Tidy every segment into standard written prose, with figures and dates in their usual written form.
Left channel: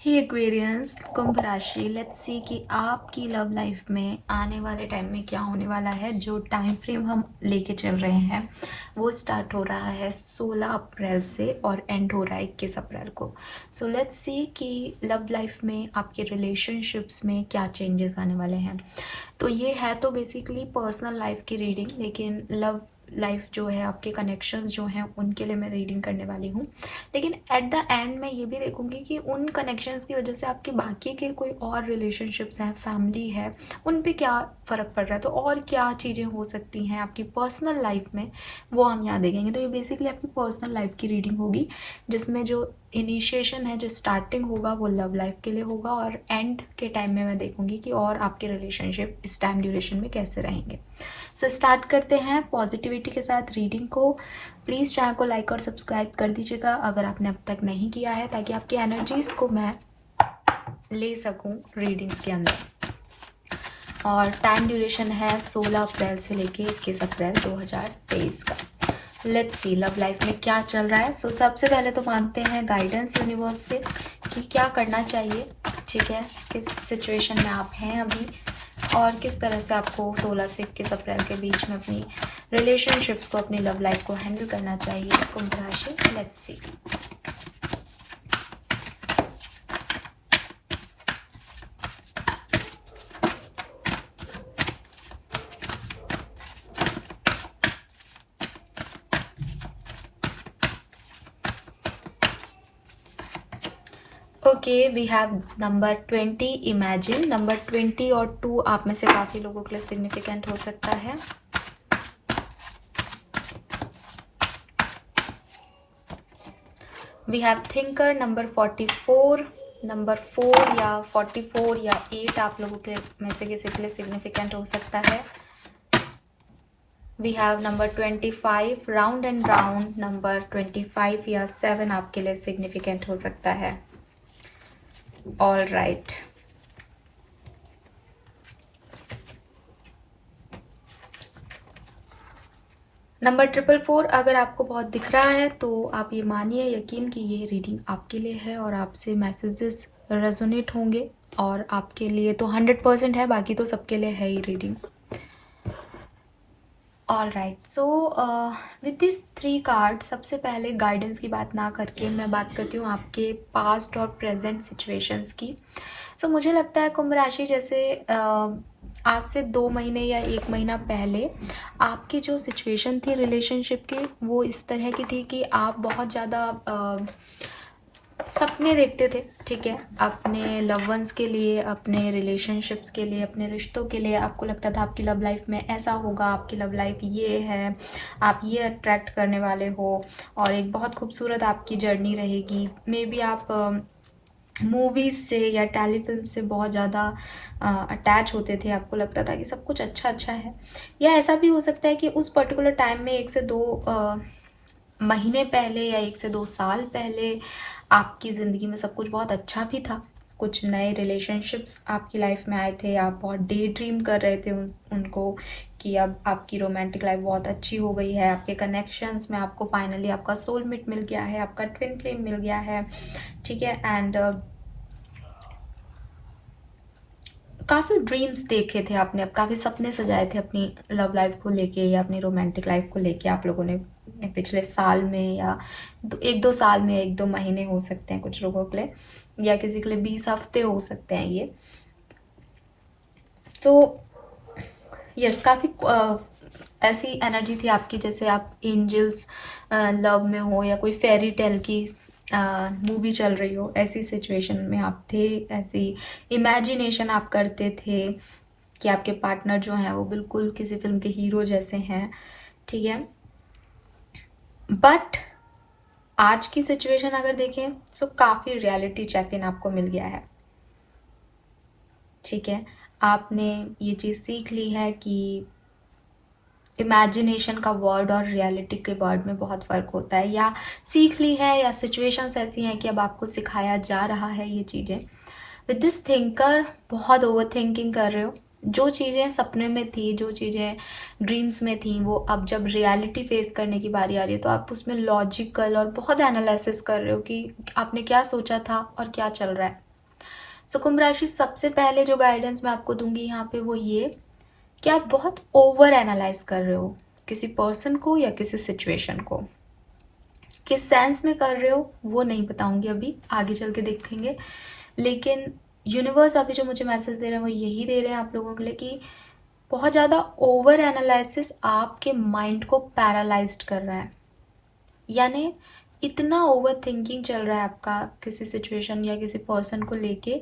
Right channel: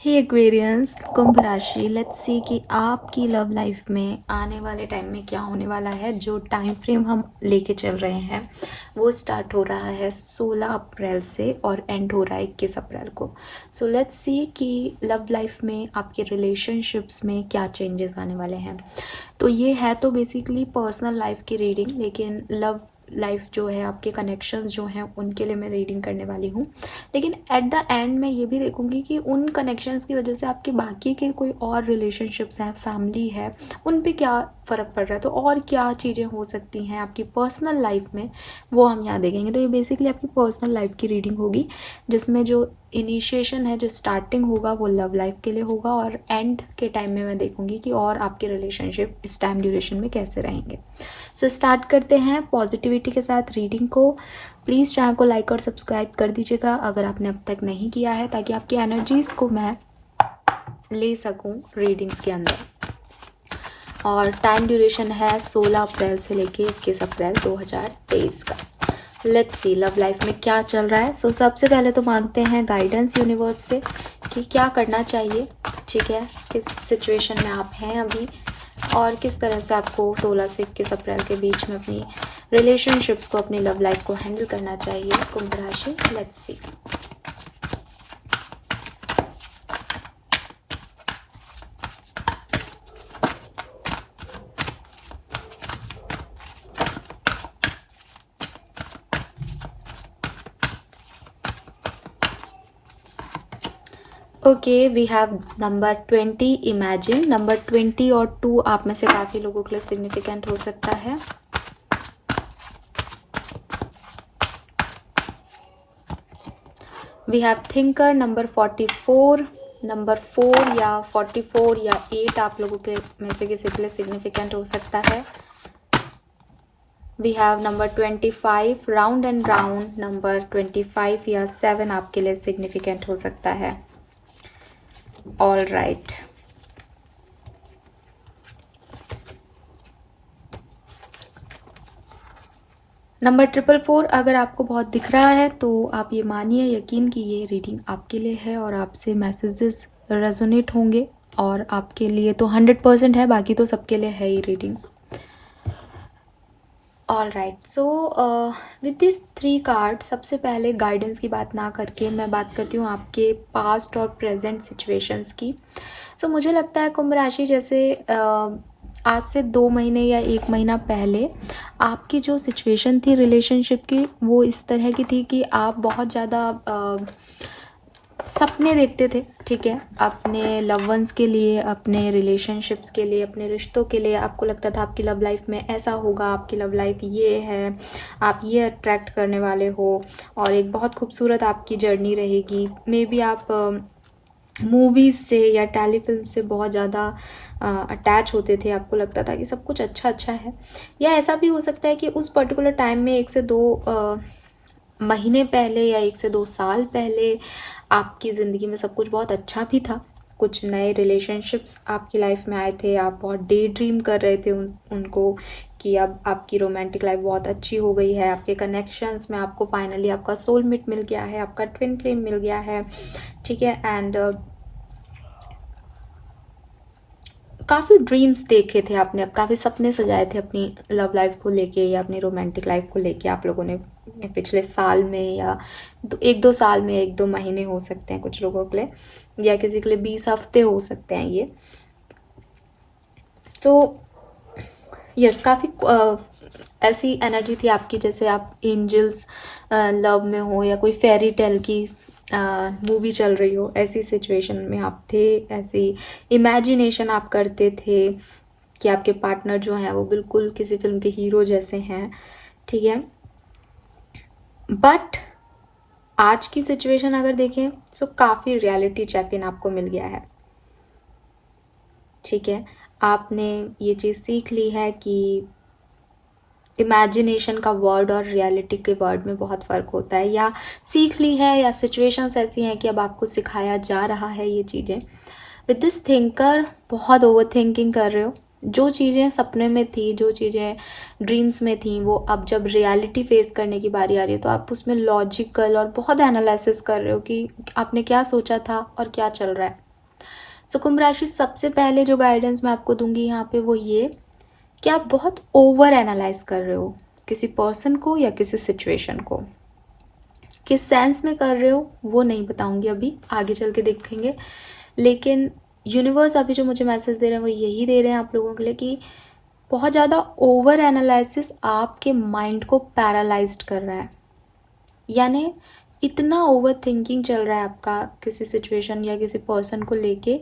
हे Aquarians, कुंभ राशि। Let's सी कि आपकी लव लाइफ में आने वाले टाइम में क्या होने वाला है। जो टाइम फ्रेम हम लेके चल रहे हैं वो स्टार्ट हो रहा है 16 अप्रैल से और एंड हो रहा है 21 अप्रैल को। सो लेट्स सी कि लव लाइफ में आपके रिलेशनशिप्स में क्या चेंजेस आने वाले हैं। तो ये है तो बेसिकली पर्सनल लाइफ की रीडिंग, लेकिन लव लाइफ जो है, आपके कनेक्शंस जो हैं उनके लिए मैं रीडिंग करने वाली हूँ। लेकिन एट द एंड मैं ये भी देखूंगी कि उन कनेक्शंस की वजह से आपके बाकी के कोई और रिलेशनशिप्स हैं, फैमिली है, उन पे क्या फ़र्क पड़ रहा है। तो और क्या चीज़ें हो सकती हैं आपकी पर्सनल लाइफ में, वो हम यहाँ देखेंगे। तो ये बेसिकली आपकी पर्सनल लाइफ की रीडिंग होगी, जिसमें जो इनिशिएशन है, जो स्टार्टिंग होगा वो लव लाइफ के लिए होगा, और एंड के टाइम में मैं देखूंगी कि और आपके रिलेशनशिप इस टाइम ड्यूरेशन में कैसे रहेंगे। सो स्टार्ट करते हैं पॉजिटिविटी के साथ रीडिंग को। प्लीज़ चैनल को लाइक और सब्सक्राइब कर दीजिएगा अगर आपने अब तक नहीं किया है, ताकि आपकी एनर्जीज़ को मैं ले सकूं रीडिंग्स के अंदर। और टाइम ड्यूरेशन है 16 अप्रैल से लेके 21 अप्रैल 2023 का। लेट्स सी लव लाइफ में क्या चल रहा है। सो सबसे पहले तो मांगते हैं गाइडेंस यूनिवर्स से कि क्या करना चाहिए, ठीक है, किस सिचुएशन में आप हैं अभी, और किस तरह से आपको 16 से 21 अप्रैल के बीच में अपनी रिलेशनशिप्स को, अपनी लव लाइफ को हैंडल करना चाहिए कुंभ राशि। Let's see. Okay, we have number 20 imagine. Number 20 और 2 आप में से काफ़ी लोगों के लिए सिग्निफिकेंट हो सकता है। We have thinker number 44। Number 4 या 44 या 8 आप लोगों के में से किसी के लिए सिग्निफिकेंट हो सकता है। We have number 25 round and round. Number 25 या 7 आपके लिए सिग्निफिकेंट हो सकता है। All right. नंबर 444 अगर आपको बहुत दिख रहा है तो आप ये मानिए, यकीन कि ये रीडिंग आपके लिए है और आपसे मैसेजेस रेजोनेट होंगे, और आपके लिए तो 100% है, बाकी तो सबके लिए है ही reading. All right. So with this 3 card, सबसे पहले गाइडेंस की बात ना करके मैं बात करती हूँ आपके पास्ट और प्रेजेंट सिचुएशंस की। सो मुझे लगता है कुंभ राशि, जैसे आज से 2 महीने या 1 महीना पहले आपकी जो सिचुएशन थी रिलेशनशिप की, वो इस तरह की थी कि आप बहुत ज़्यादा सपने देखते थे, ठीक है, अपने लव वंस के लिए, अपने रिलेशनशिप्स के लिए, अपने रिश्तों के लिए। आपको लगता था आपकी लव लाइफ में ऐसा होगा, आपकी लव लाइफ ये है, आप ये अट्रैक्ट करने वाले हो, और एक बहुत खूबसूरत आपकी जर्नी रहेगी। मे बी आप मूवीज़ से या टेलीफिल्म से बहुत ज़्यादा अटैच होते थे, आपको लगता था कि सब कुछ अच्छा अच्छा है। या ऐसा भी हो सकता है कि उस पर्टिकुलर टाइम में 1 से 2 महीने पहले या 1 से 2 साल पहले आपकी ज़िंदगी में सब कुछ बहुत अच्छा भी था। कुछ नए रिलेशनशिप्स आपकी लाइफ में आए थे, आप बहुत डे ड्रीम कर रहे थे उनको कि अब आपकी रोमांटिक लाइफ बहुत अच्छी हो गई है। आपके कनेक्शंस में आपको फाइनली आपका सोलमेट मिल गया है, आपका ट्विन फ्लेम मिल गया है, ठीक है। एंड काफ़ी ड्रीम्स देखे थे आपने, अब काफ़ी सपने सजाए थे अपनी लव लाइफ को लेके या अपनी रोमांटिक लाइफ को लेके आप लोगों ने पिछले साल में, या 1-2 साल में, 1-2 महीने हो सकते हैं कुछ लोगों के लिए, या किसी के लिए 20 हफ्ते हो सकते हैं ये। तो यस, काफ़ी ऐसी एनर्जी थी आपकी जैसे आप एंजल्स लव में हो, या कोई फेरी टेल की मूवी चल रही हो, ऐसी सिचुएशन में आप थे। ऐसी इमेजिनेशन आप करते थे कि आपके पार्टनर जो हैं वो बिल्कुल किसी फिल्म के हीरो जैसे हैं, ठीक है। बट आज की सिचुएशन अगर देखें तो काफ़ी रियलिटी चेक इन आपको मिल गया है, ठीक है। आपने ये चीज़ सीख ली है कि इमेजिनेशन का वर्ड और रियलिटी के वर्ड में बहुत फ़र्क होता है, या सीख ली है, या सिचुएशंस ऐसी हैं कि अब आपको सिखाया जा रहा है ये चीज़ें। विद दिस थिंकर बहुत ओवर थिंकिंग कर रहे हो। जो चीज़ें सपने में थी, जो चीज़ें ड्रीम्स में थी, वो अब जब रियलिटी फेस करने की बारी आ रही है तो आप उसमें लॉजिकल और बहुत एनालिसिस कर रहे हो कि आपने क्या सोचा था और क्या चल रहा है। सो कुंभ राशि, सबसे पहले जो गाइडेंस मैं आपको दूंगी यहाँ पे वो ये कि आप बहुत ओवर एनालाइज कर रहे हो किसी पर्सन को या किसी सिचुएशन को। किस सेंस में कर रहे हो वो नहीं बताऊंगी, अभी आगे चल के देखेंगे। लेकिन यूनिवर्स अभी जो मुझे मैसेज दे रहे हैं वो यही दे रहे हैं आप लोगों के लिए कि बहुत ज़्यादा ओवर एनालिसिस आपके माइंड को पैरालाइज्ड कर रहा है। यानी इतना ओवर थिंकिंग चल रहा है आपका किसी सिचुएशन या किसी पर्सन को लेके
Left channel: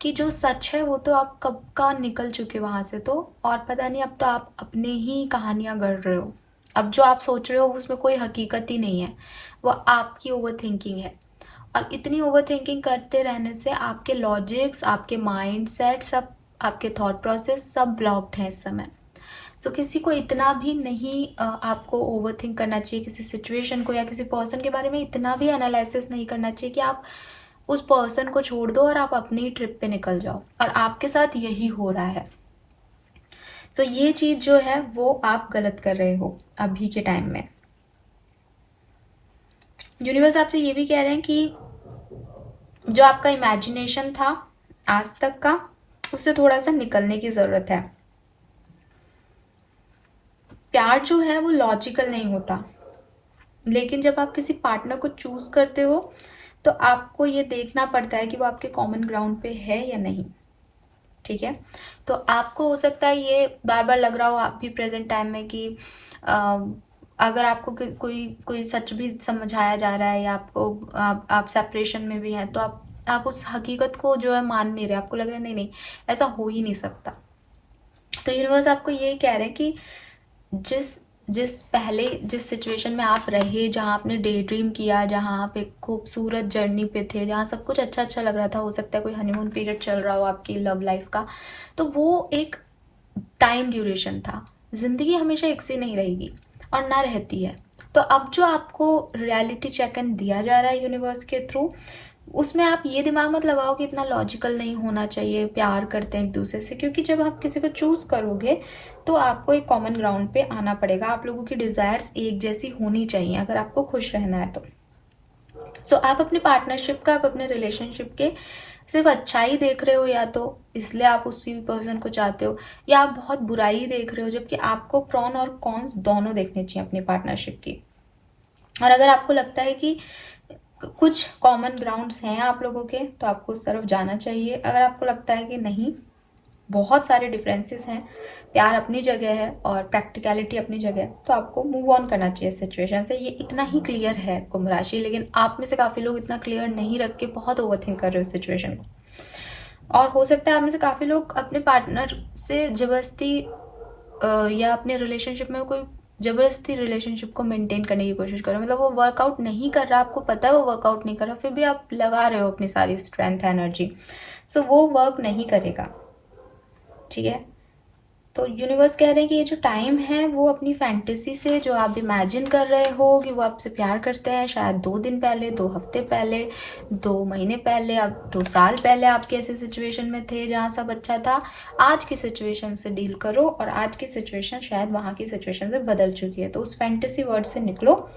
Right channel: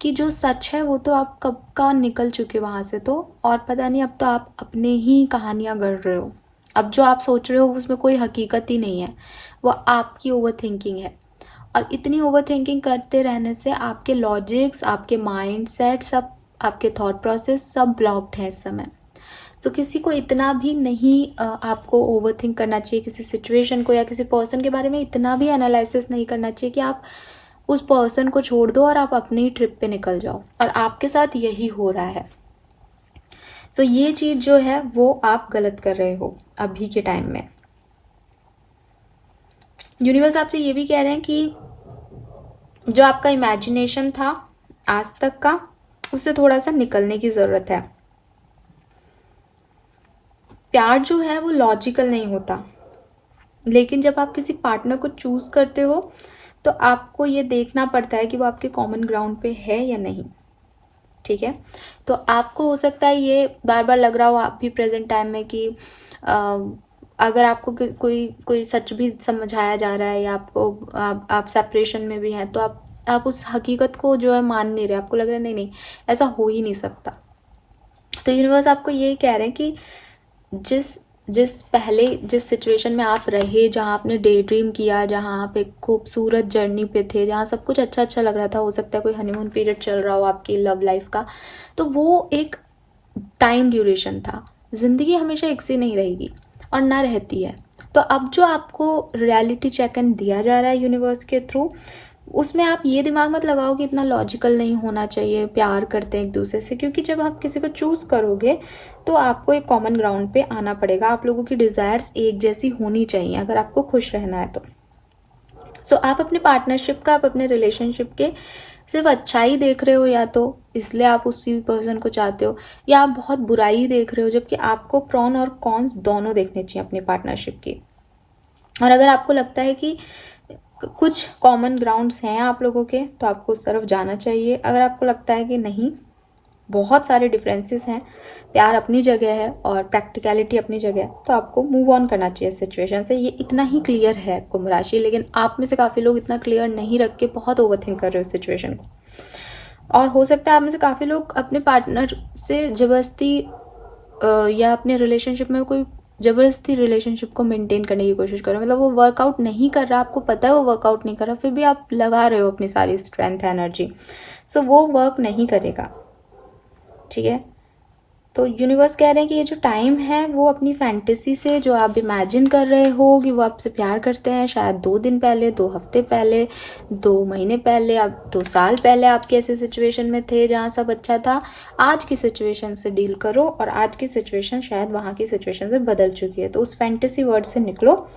कि जो सच है वो तो आप कब का निकल चुके वहाँ से, तो और पता नहीं, अब तो आप अपने ही कहानियाँ गढ़ रहे हो। अब जो आप सोच रहे हो उसमें कोई हकीकत ही नहीं है, वो आपकी ओवर थिंकिंग है। और इतनी ओवर थिंकिंग करते रहने से आपके लॉजिक्स, आपके माइंड सेट, सब आपके थॉट प्रोसेस सब ब्लॉक्ड है इस समय। सो किसी को इतना भी नहीं आपको ओवर थिंक करना चाहिए किसी सिचुएशन को या किसी पर्सन के बारे में इतना भी एनालिसिस नहीं करना चाहिए कि आप उस पर्सन को छोड़ दो और आप अपनी ट्रिप पे निकल जाओ। और आपके साथ यही हो रहा है। सो ये चीज जो है वो आप गलत कर रहे हो अभी के टाइम में। यूनिवर्स आपसे ये भी कह रहे हैं कि जो आपका इमेजिनेशन था आज तक का, उससे थोड़ा सा निकलने की जरूरत है। प्यार जो है वो लॉजिकल नहीं होता, लेकिन जब आप किसी पार्टनर को चूज करते हो तो आपको ये देखना पड़ता है कि वो आपके कॉमन ग्राउंड पे है या नहीं। ठीक है, तो आपको हो सकता है ये बार बार लग रहा हो आप भी प्रेजेंट टाइम में कि अगर आपको कोई कोई सच भी समझाया जा रहा है या आपको आप सेपरेशन में भी हैं तो आप उस हकीकत को जो है मान नहीं रहे, आपको लग रहा है नहीं नहीं ऐसा हो ही नहीं सकता। तो यूनिवर्स आपको ये कह रहे हैं कि जिस सिचुएशन में आप रहे, जहाँ आपने डे ड्रीम किया, जहाँ आप एक खूबसूरत जर्नी पे थे, जहाँ सब कुछ अच्छा अच्छा लग रहा था, हो सकता है कोई हनीमून पीरियड चल रहा हो आपकी लव लाइफ का, तो वो एक टाइम ड्यूरेशन था। जिंदगी हमेशा एक सी नहीं रहेगी और ना रहती है। तो अब जो आपको रियलिटी चेक इन दिया जा रहा है यूनिवर्स के थ्रू, उसमें आप ये दिमाग मत लगाओ कि इतना लॉजिकल नहीं होना चाहिए, प्यार करते हैं एक दूसरे से, क्योंकि जब आप किसी को चूज करोगे तो आपको एक कॉमन ग्राउंड पे आना पड़ेगा। आप लोगों की डिजायर्स एक जैसी होनी चाहिए अगर आपको खुश रहना है तो। सो आप अपने पार्टनरशिप का, आप अपने रिलेशनशिप के सिर्फ अच्छाई देख रहे हो, या तो इसलिए आप उसी पर्सन को चाहते हो, या आप बहुत बुराई देख रहे हो, जबकि आपको प्रॉन और कॉन्स दोनों देखने चाहिए अपनी पार्टनरशिप की। और अगर आपको लगता है कि कुछ कॉमन ग्राउंड्स हैं आप लोगों के तो आपको उस तरफ जाना चाहिए। अगर आपको लगता है कि नहीं, बहुत सारे डिफरेंसेस हैं, प्यार अपनी जगह है और प्रैक्टिकलिटी अपनी जगह है, तो आपको मूव ऑन करना चाहिए सिचुएशन से। ये इतना ही क्लियर है कुंभ राशि। लेकिन आप में से काफ़ी लोग इतना क्लियर नहीं रख के बहुत ओवरथिंक कर रहे हो सिचुएशन को। और हो सकता है आप में से काफ़ी लोग अपने पार्टनर से जबरदस्ती या अपने रिलेशनशिप में कोई जबरदस्ती रिलेशनशिप को मेंटेन करने की कोशिश कर रहे हो। मतलब वो वर्कआउट नहीं कर रहा, आपको पता है वो वर्कआउट नहीं कर रहा, फिर भी आप लगा रहे हो अपनी सारी स्ट्रेंथ एनर्जी। सो वो वर्क नहीं करेगा। ठीक है, तो यूनिवर्स कह रहे हैं कि ये जो टाइम है वो अपनी फैंटेसी से, जो आप इमेजिन कर रहे हो कि वो आपसे प्यार करते हैं, शायद 2 दिन पहले, 2 हफ्ते पहले, 2 महीने पहले, आप 2 साल पहले आपके ऐसे सिचुएशन में थे जहाँ सब अच्छा था, आज की सिचुएशन से डील करो और आज की सिचुएशन शायद वहाँ की सिचुएशन से बदल चुकी है। तो उस फैंटेसी वर्ड से निकलो।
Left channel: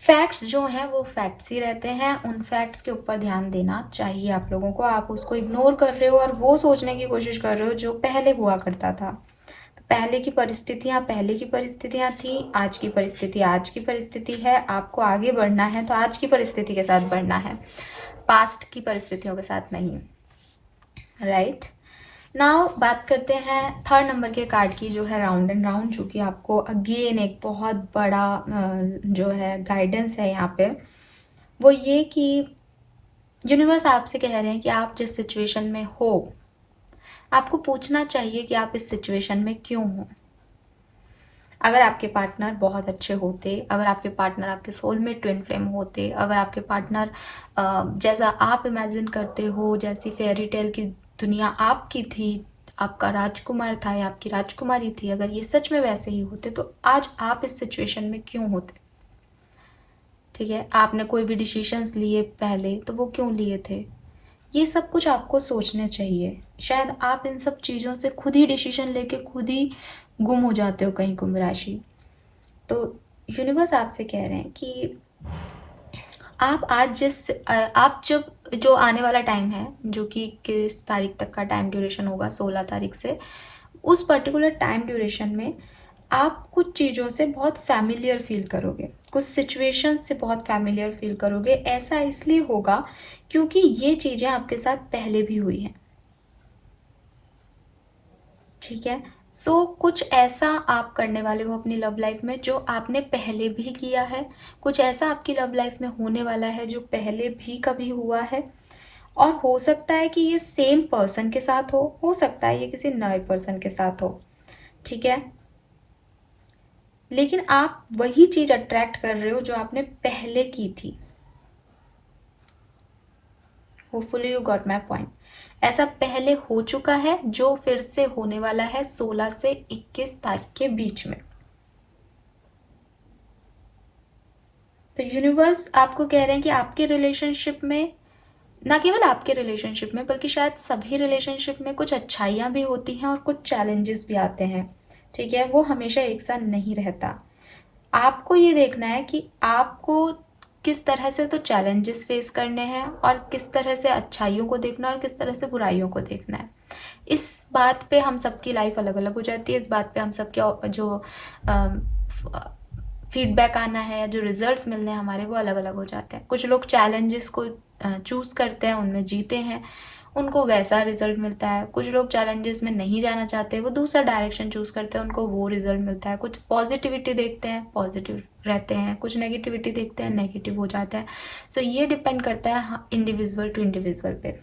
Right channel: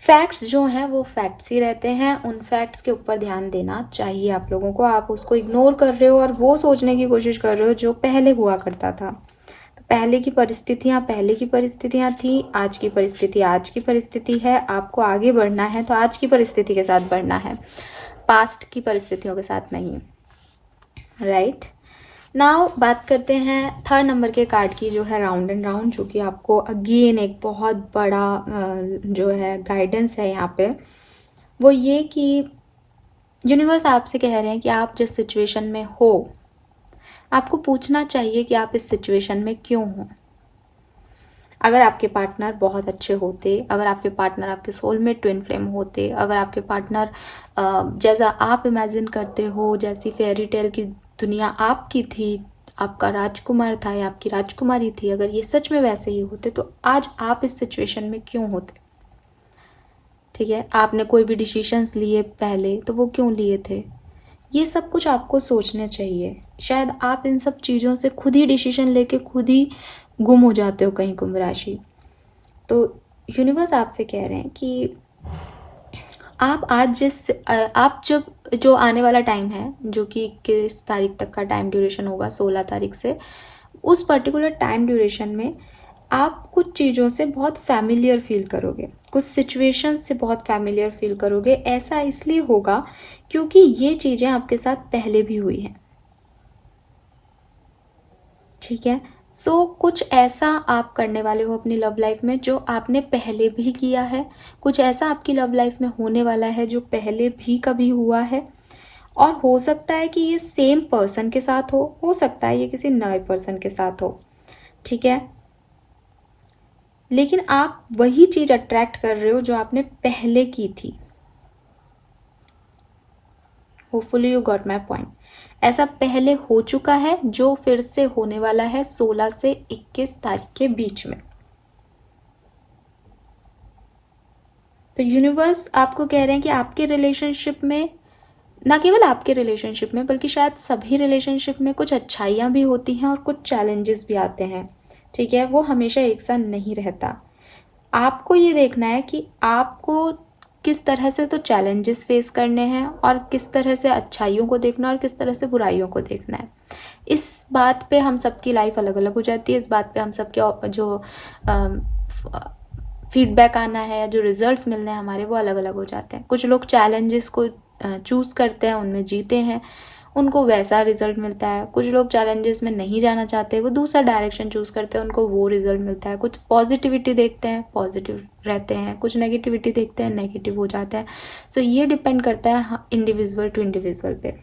फैक्ट्स जो हैं वो फैक्ट्स ही रहते हैं, उन फैक्ट्स के ऊपर ध्यान देना चाहिए आप लोगों को। आप उसको इग्नोर कर रहे हो और वो सोचने की कोशिश कर रहे हो जो पहले हुआ करता था। तो पहले की परिस्थितियां थी, आज की परिस्थिति आज की परिस्थिति है। आपको आगे बढ़ना है तो आज की परिस्थिति के साथ बढ़ना है, पास्ट की परिस्थितियों के साथ नहीं। राइट, नाउ बात करते हैं 3rd नंबर के कार्ड की, जो है राउंड एंड राउंड, जो कि आपको अगेन एक बहुत बड़ा जो है गाइडेंस है यहाँ पे। वो ये कि यूनिवर्स आपसे कह रहे हैं कि आप जिस सिचुएशन में हो, आपको पूछना चाहिए कि आप इस सिचुएशन में क्यों हो। अगर आपके पार्टनर बहुत अच्छे होते, अगर आपके पार्टनर आपके सोलमेट ट्विन फ्लेम होते, अगर आपके पार्टनर जैसा आप इमेजिन करते हो, जैसी फेयरी टेल की दुनिया आपकी थी, आपका राजकुमार था या आपकी राजकुमारी थी, अगर ये सच में वैसे ही होते तो आज आप इस सिचुएशन में क्यों होते। ठीक है, आपने कोई भी डिसीजंस लिए पहले तो वो क्यों लिए थे, ये सब कुछ आपको सोचना चाहिए। शायद आप इन सब चीज़ों से खुद ही डिसीजन लेके खुद ही गुम हो जाते हो कहीं, कुंभ राशि। तो यूनिवर्स आपसे कह रहे हैं कि आप आज आप जब जो आने वाला टाइम है, जो कि किस तारीख तक का टाइम ड्यूरेशन होगा, 16 तारीख से, उस पर्टिकुलर टाइम ड्यूरेशन में आप कुछ चीज़ों से बहुत फैमिलियर फील करोगे, कुछ सिचुएशन से बहुत फैमिलियर फील करोगे। ऐसा इसलिए होगा क्योंकि ये चीज़ें आपके साथ पहले भी हुई हैं, ठीक है। सो कुछ ऐसा आप करने वाले हो अपनी लव लाइफ में जो आपने पहले भी किया है, कुछ ऐसा आपकी लव लाइफ में होने वाला है जो पहले भी कभी हुआ है, और हो सकता है कि ये सेम पर्सन के साथ हो सकता है ये किसी नए पर्सन के साथ हो, ठीक है। लेकिन आप वही चीज अट्रैक्ट कर रहे हो जो आपने पहले की थी। Hopefully you got my point. ऐसा पहले हो चुका है जो फिर से होने वाला है 16 से 21 तारीख के बीच में। तो यूनिवर्स आपको कह रहे हैं कि आपके रिलेशनशिप में, ना केवल आपके रिलेशनशिप में बल्कि शायद सभी रिलेशनशिप में, कुछ अच्छाइयाँ भी होती हैं और कुछ चैलेंजेस भी आते हैं, ठीक है। वो हमेशा एक साथ नहीं रहता। आपको ये देखना है कि आपको किस तरह से तो चैलेंजेस फेस करने हैं और किस तरह से अच्छाइयों को देखना है और किस तरह से बुराइयों को देखना है। इस बात पे हम सबकी लाइफ अलग अलग हो जाती है। इस बात पे हम सबके जो फीडबैक आना है या जो रिजल्ट्स मिलने हैं हमारे, वो अलग अलग हो जाते हैं। कुछ लोग चैलेंजेस को चूज करते हैं, उनमें जीते हैं, उनको वैसा रिजल्ट मिलता है। कुछ लोग चैलेंजेस में नहीं जाना चाहते, वो दूसरा डायरेक्शन चूज करते हैं, उनको वो रिजल्ट मिलता है। कुछ पॉजिटिविटी देखते हैं, पॉजिटिव रहते हैं, कुछ नेगेटिविटी देखते हैं, नेगेटिव हो जाते हैं। सो ये डिपेंड करता है इंडिविजुअल टू इंडिविजुअल पे।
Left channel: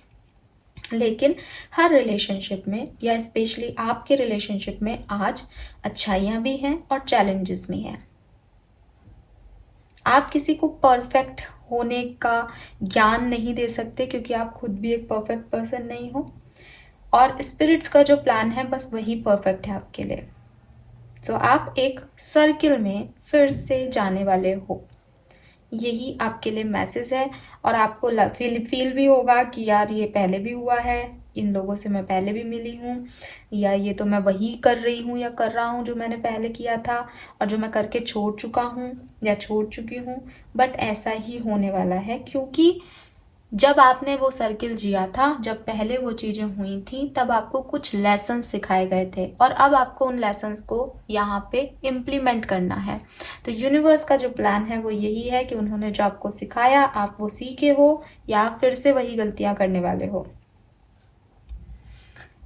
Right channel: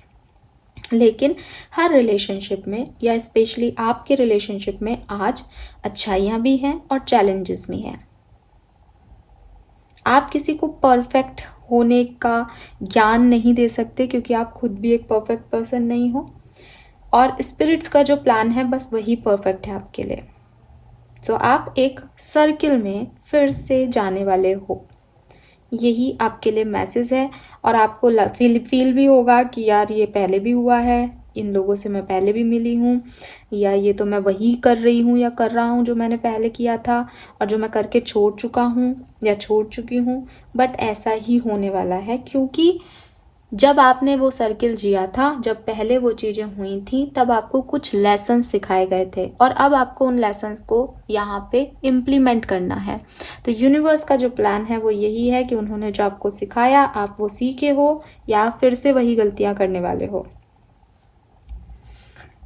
लेकिन हर रिलेशनशिप में, या स्पेशली आपके रिलेशनशिप में, आज अच्छाइयाँ भी हैं और चैलेंजेस भी हैं। आप किसी को परफेक्ट होने का ज्ञान नहीं दे सकते क्योंकि आप खुद भी एक परफेक्ट पर्सन नहीं हो, और स्पिरिट्स का जो प्लान है बस वही परफेक्ट है आपके लिए। सो आप एक सर्किल में फिर से जाने वाले हो, यही आपके लिए मैसेज है। और आपको फील भी होगा कि यार ये पहले भी हुआ है, इन लोगों से मैं पहले भी मिली हूँ, या ये तो मैं वही कर रही हूँ या कर रहा हूँ जो मैंने पहले किया था और जो मैं करके छोड़ चुका हूँ या छोड़ चुकी हूँ। बट ऐसा ही होने वाला है क्योंकि जब आपने वो सर्किल जिया था, जब पहले वो चीज़ें हुई थी, तब आपको कुछ लेसन्स सिखाए गए थे और अब आपको उन लेसन्स को यहाँ पे इम्प्लीमेंट करना है। तो यूनिवर्स का जो प्लान है वो यही है कि उन्होंने जो आपको सिखाया, आप वो सीखे हो या फिर से वही गलतियां करने वाले हो।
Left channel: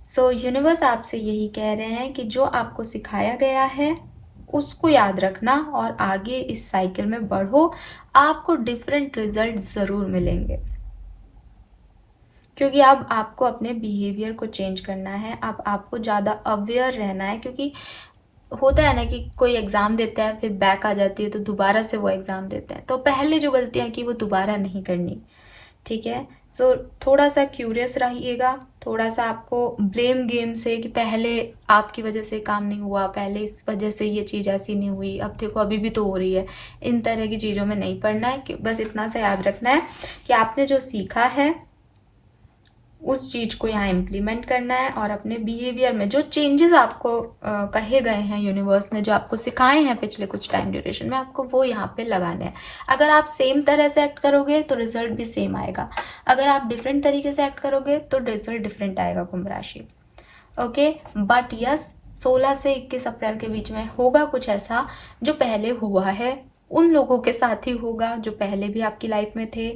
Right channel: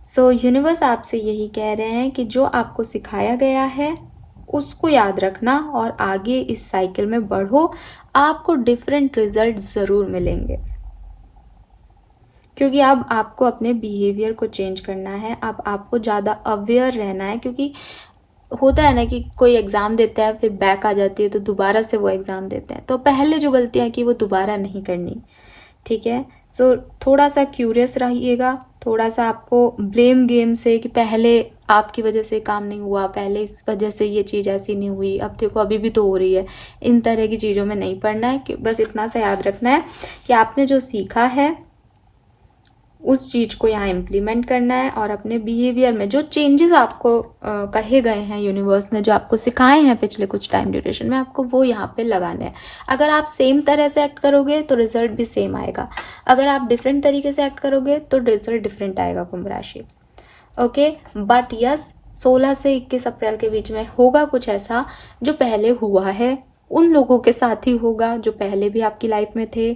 सो यूनिवर्स आपसे यही कह रहे हैं कि जो आपको सिखाया गया है उसको याद रखना और आगे इस साइकिल में बढ़ो। आपको डिफरेंट रिजल्ट ज़रूर मिलेंगे क्योंकि अब आपको अपने बिहेवियर को चेंज करना है। अब आपको ज़्यादा अवेयर रहना है क्योंकि होता है ना कि कोई एग्ज़ाम देता है, फिर बैक आ जाती है तो दोबारा से वो एग्ज़ाम देते हैं। तो पहले जो गलतियाँ की वो दोबारा नहीं करनी, ठीक है। सो थोड़ा सा क्यूरियस रहिएगा, थोड़ा सा आपको ब्लेम गेम से कि पहले आपकी वजह से काम नहीं हुआ, पहले इस वजह से ये चीज़ ऐसी नहीं हुई, अब देखो अभी भी तो हो रही है, इन तरह की चीज़ों में नहीं पड़ना है। कि बस इतना सा याद रखना है कि आपने जो सीखा है उस चीज को यहाँ इम्प्लीमेंट करना है और अपने बिहेवियर में जो चेंजेस आपको कहे गए हैं, यूनिवर्स ने जो आपको सिखाए हैं पिछले कुछ टाइम ड्यूरेशन में, आपको वो यहाँ पे लगाने हैं। अगर आप सेम तरह से एक्ट करोगे तो रिजल्ट भी सेम आएगा, अगर आप डिफरेंट तरीके से एक्ट करोगे तो रिजल्ट डिफरेंट आएगा कुंभ राशि। ओके, बट यस, 16 से 21 अप्रैल के बीच में होगा कुछ ऐसा जो पहले हुआ है, उन लोगों के साथ ही होगा जो पहले भी आपकी लाइफ में थे।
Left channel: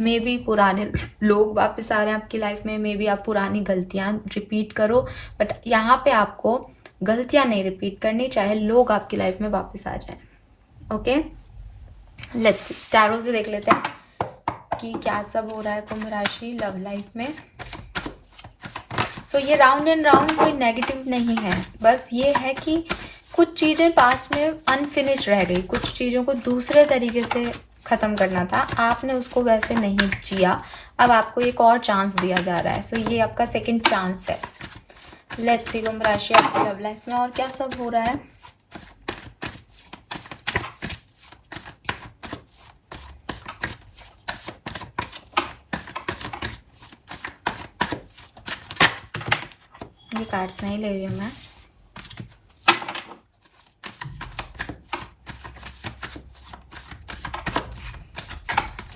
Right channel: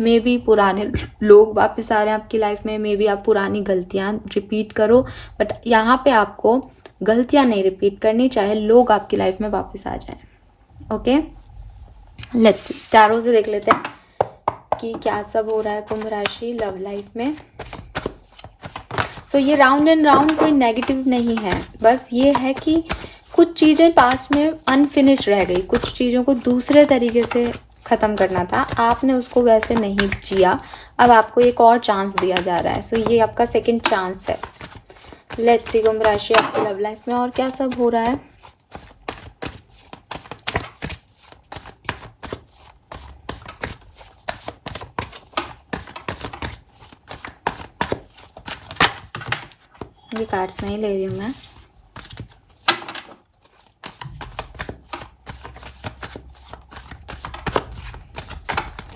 मे बी पुराने लोग वापस आ रहे हैं आपकी लाइफ में, मे बी आप पुरानी गलतियां रिपीट करो, बट यहाँ पे आपको गलतियां नहीं रिपीट करनी, चाहे लोग आपकी लाइफ में वापस आ जाएं। ओके, लेट्स सी, टैरो से देख लेते हैं कि क्या सब हो रहा है कुंभ राशि लव लाइफ में। सो ये राउंड एंड राउंड कोई नेगेटिव नहीं है, बस ये है कि कुछ चीज़ें पास में अनफिनिश रह गई, कुछ चीज़ों को दूसरे तरीके से ख़त्म करना था, आपने उसको वैसे नहीं जिया, अब आपको एक और चांस दिया जा रहा है। सो ये आपका सेकंड चांस है। लेट्स सी कुंभ राशि आपकी लव लाइफ में और क्या सब हो रहा है। ये कार्ड्स नहीं ले रही हूँ मैं।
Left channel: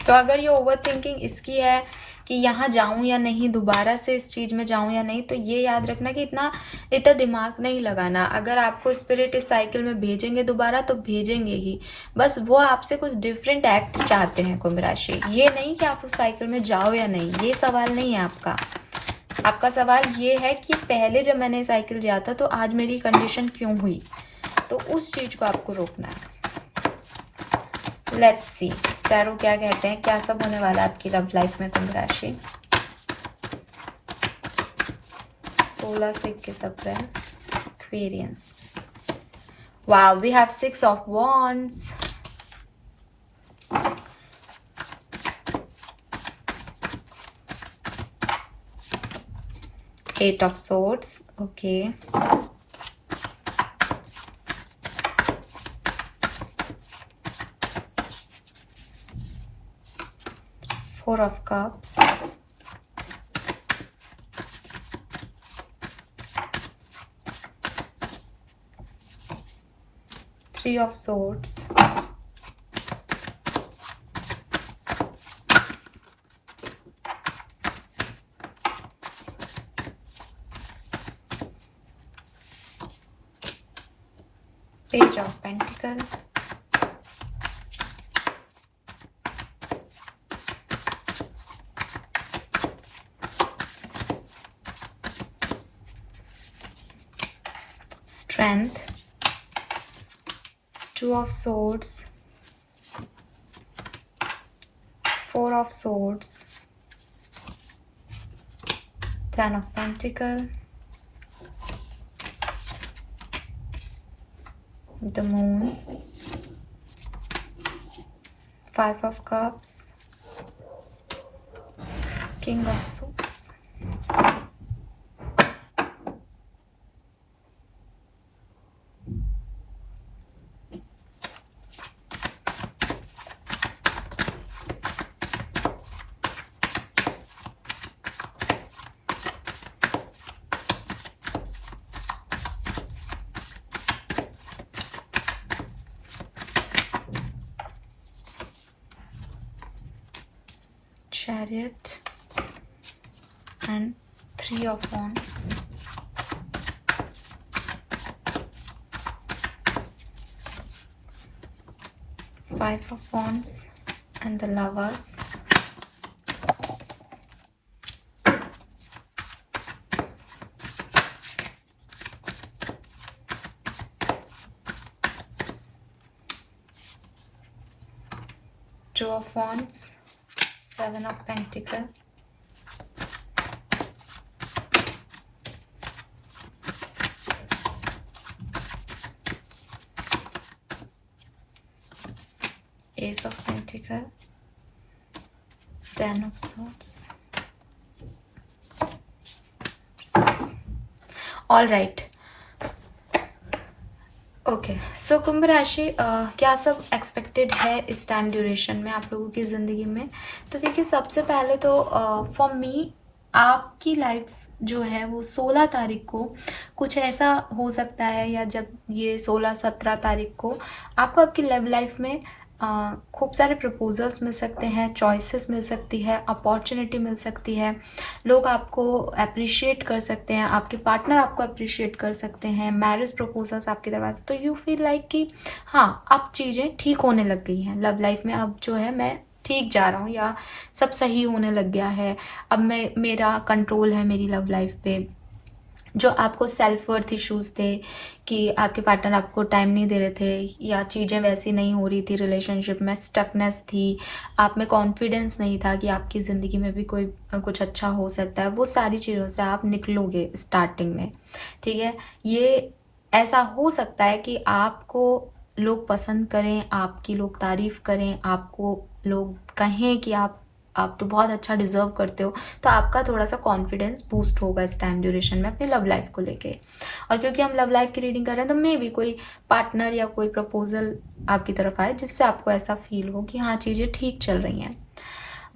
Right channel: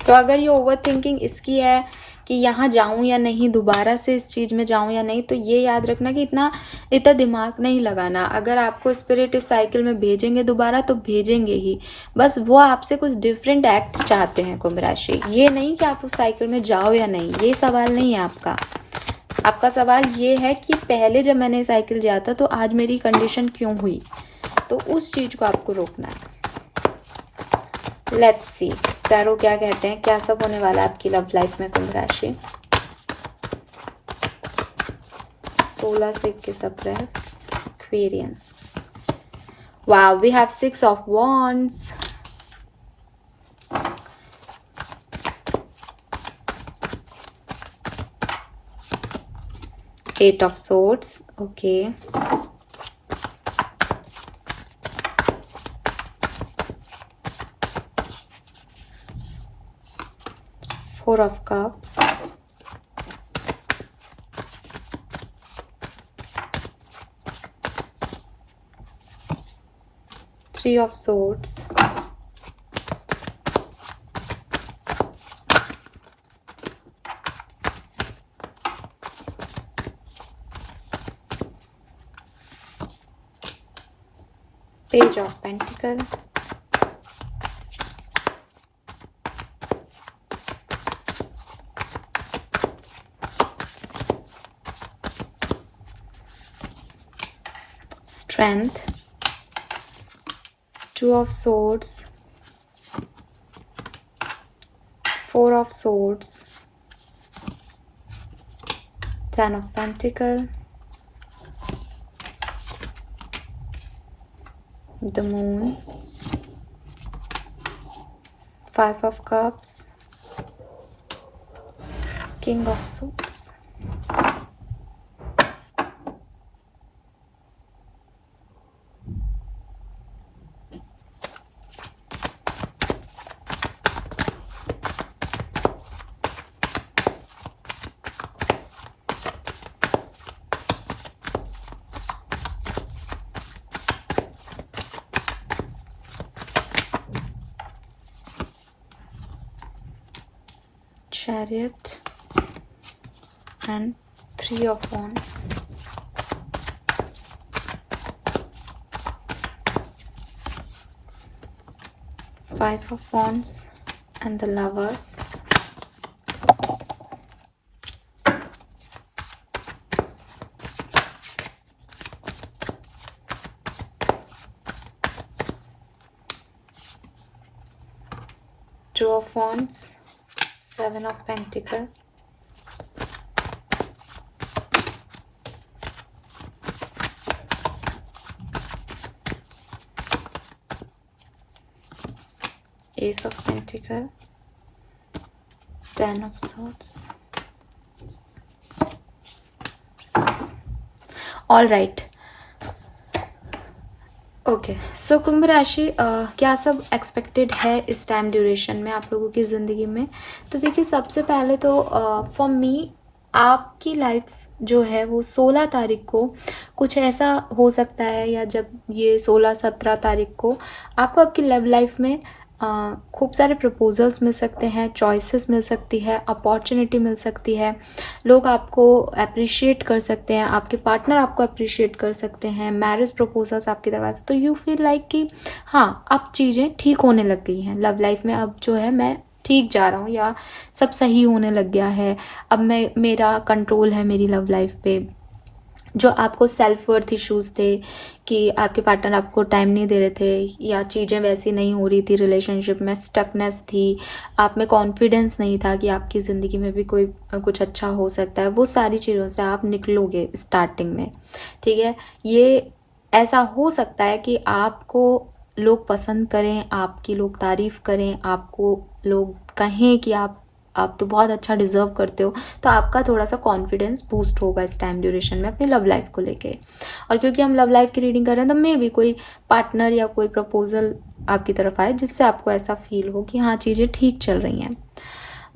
तो अगर ये ओवर थिंकिंग इसकी है कि यहाँ जाऊँ या नहीं, दोबारा से इस चीज़ में जाऊँ या नहीं। तो ये याद रखना कि इतना दिमाग नहीं लगाना। अगर आपको स्पिरिट इस साइकिल में भेजेंगे दोबारा तो भेजेंगे ही, बस वो आपसे कुछ डिफरेंट एक्ट चाहते हैं कुंभ राशि। ये नहीं कि आप उस साइकिल में जाओ या नहीं, ये सवाल नहीं है आपका। आपका सवाल ये है कि पहले जब मैंने साइकिल जाया था तो आज मेरी कंडीशन क्यों हुई, तो उस चीज को आपको रोकना है। लेट्स सी टैरो क्या कहते हैं, क्या सब होने वाला है आपकी लव लाइफ में कुंभ राशि। 16 से 21 अप्रैल, Aquarians. Wow, we have 6 of wands, Eight of swords, okay. Four of cups, Three of swords, Page of Pentacles, Strength, Two of Swords, Four of Swords, Ten of Pentacles, the Moon, Five of Cups, King of Swords. Chariot and Three of Wands. Five of Wands and the Lovers. Two of Wands, Seven of Pentacles, Ace of Pentacles, Ten of Swords. All right. Okay, so कुंभ राशि क्या सब expected है इस time duration में आप लोगों की ज़िंदगी में। तो देखिए, सबसे पहले तो फॉर मी आपकी लाइफ जो है वो 16 तारीख को कुछ ऐसा हो सकता है, या जब ये 16-17 तारीख को आपको आपकी लव लाइफ में खूब सारे प्रपोजल्स मिल सकते हैं, चॉइसेस मिल सकती है, अपॉर्चुनिटी मिल सकती है, लोग आपको अप्रिशिएट कर सकते हैं, आपके पार्टनर आपको अप्रिशिएट कर सकते हैं, मैरिज प्रपोजल्स आपकी तरफ से। तो यू फील लाइक कि हाँ, अब चीज़ें ठीक होने लग गई हैं लव लाइफ में, अब जो है मैं ठीक जा रहा हूँ, या सब सही होने लग गया है, अब मेरा कंट्रोल है मेरी लव लाइफ पे। जो आपको सेल्फ वर्थ इश्यूज थे कि आपके पार्टनर आपको टाइम नहीं दे रहे थे, या चीज़ें वैसी नहीं हो रही थी, रिलेशनशिप में स्टकनेस थी, आप में कॉन्फिडेंस नहीं था कि आपकी ज़िंदगी में भी कोई कुछ अच्छा हो सकता है, वो सारी चीज़ों से आप निकलोगे स्टार्टिंग में। ठीक है, ये ऐसा हो सकता है कि आपको लोग पसंद करें, आपकी लोग तारीफ करें, आपको लोग कहें कि आप तो बहुत अच्छा डिजर्व करते हो, तो आपका थोड़ा सा कॉन्फिडेंस बूस्ट होगा इस टाइम ड्यूरेशन में अपनी लव लाइफ को लेके। और क्योंकि हम लव लाइफ की रीडिंग कर रहे हैं, तो मे भी कोई पार्टनर या कोई प्रपोजल आपकी तरफ आए जिससे आपको ऐसा फील हो कि हाँ, चीज़ें ठीक चल रही हैं।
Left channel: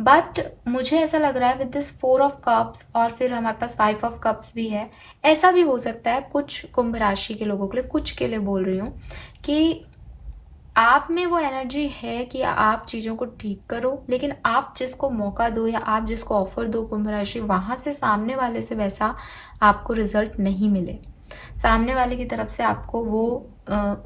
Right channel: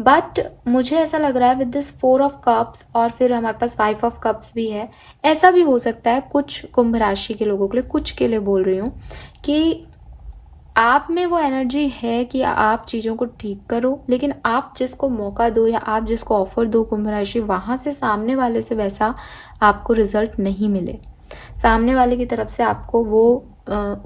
बट मुझे ऐसा लग रहा है विद दिस 4 ऑफ कप्स, और फिर हमारे पास 5 ऑफ कप्स भी है, ऐसा भी हो सकता है कुछ कुंभ राशि के लोगों के लिए, कुछ के लिए बोल रही हूँ, कि आप में वो एनर्जी है कि आप चीज़ों को ठीक करो, लेकिन आप जिसको मौका दो या आप जिसको ऑफर दो कुंभ राशि, वहाँ से सामने वाले से वैसा आपको रिजल्ट नहीं मिले, सामने वाले की तरफ से आपको वो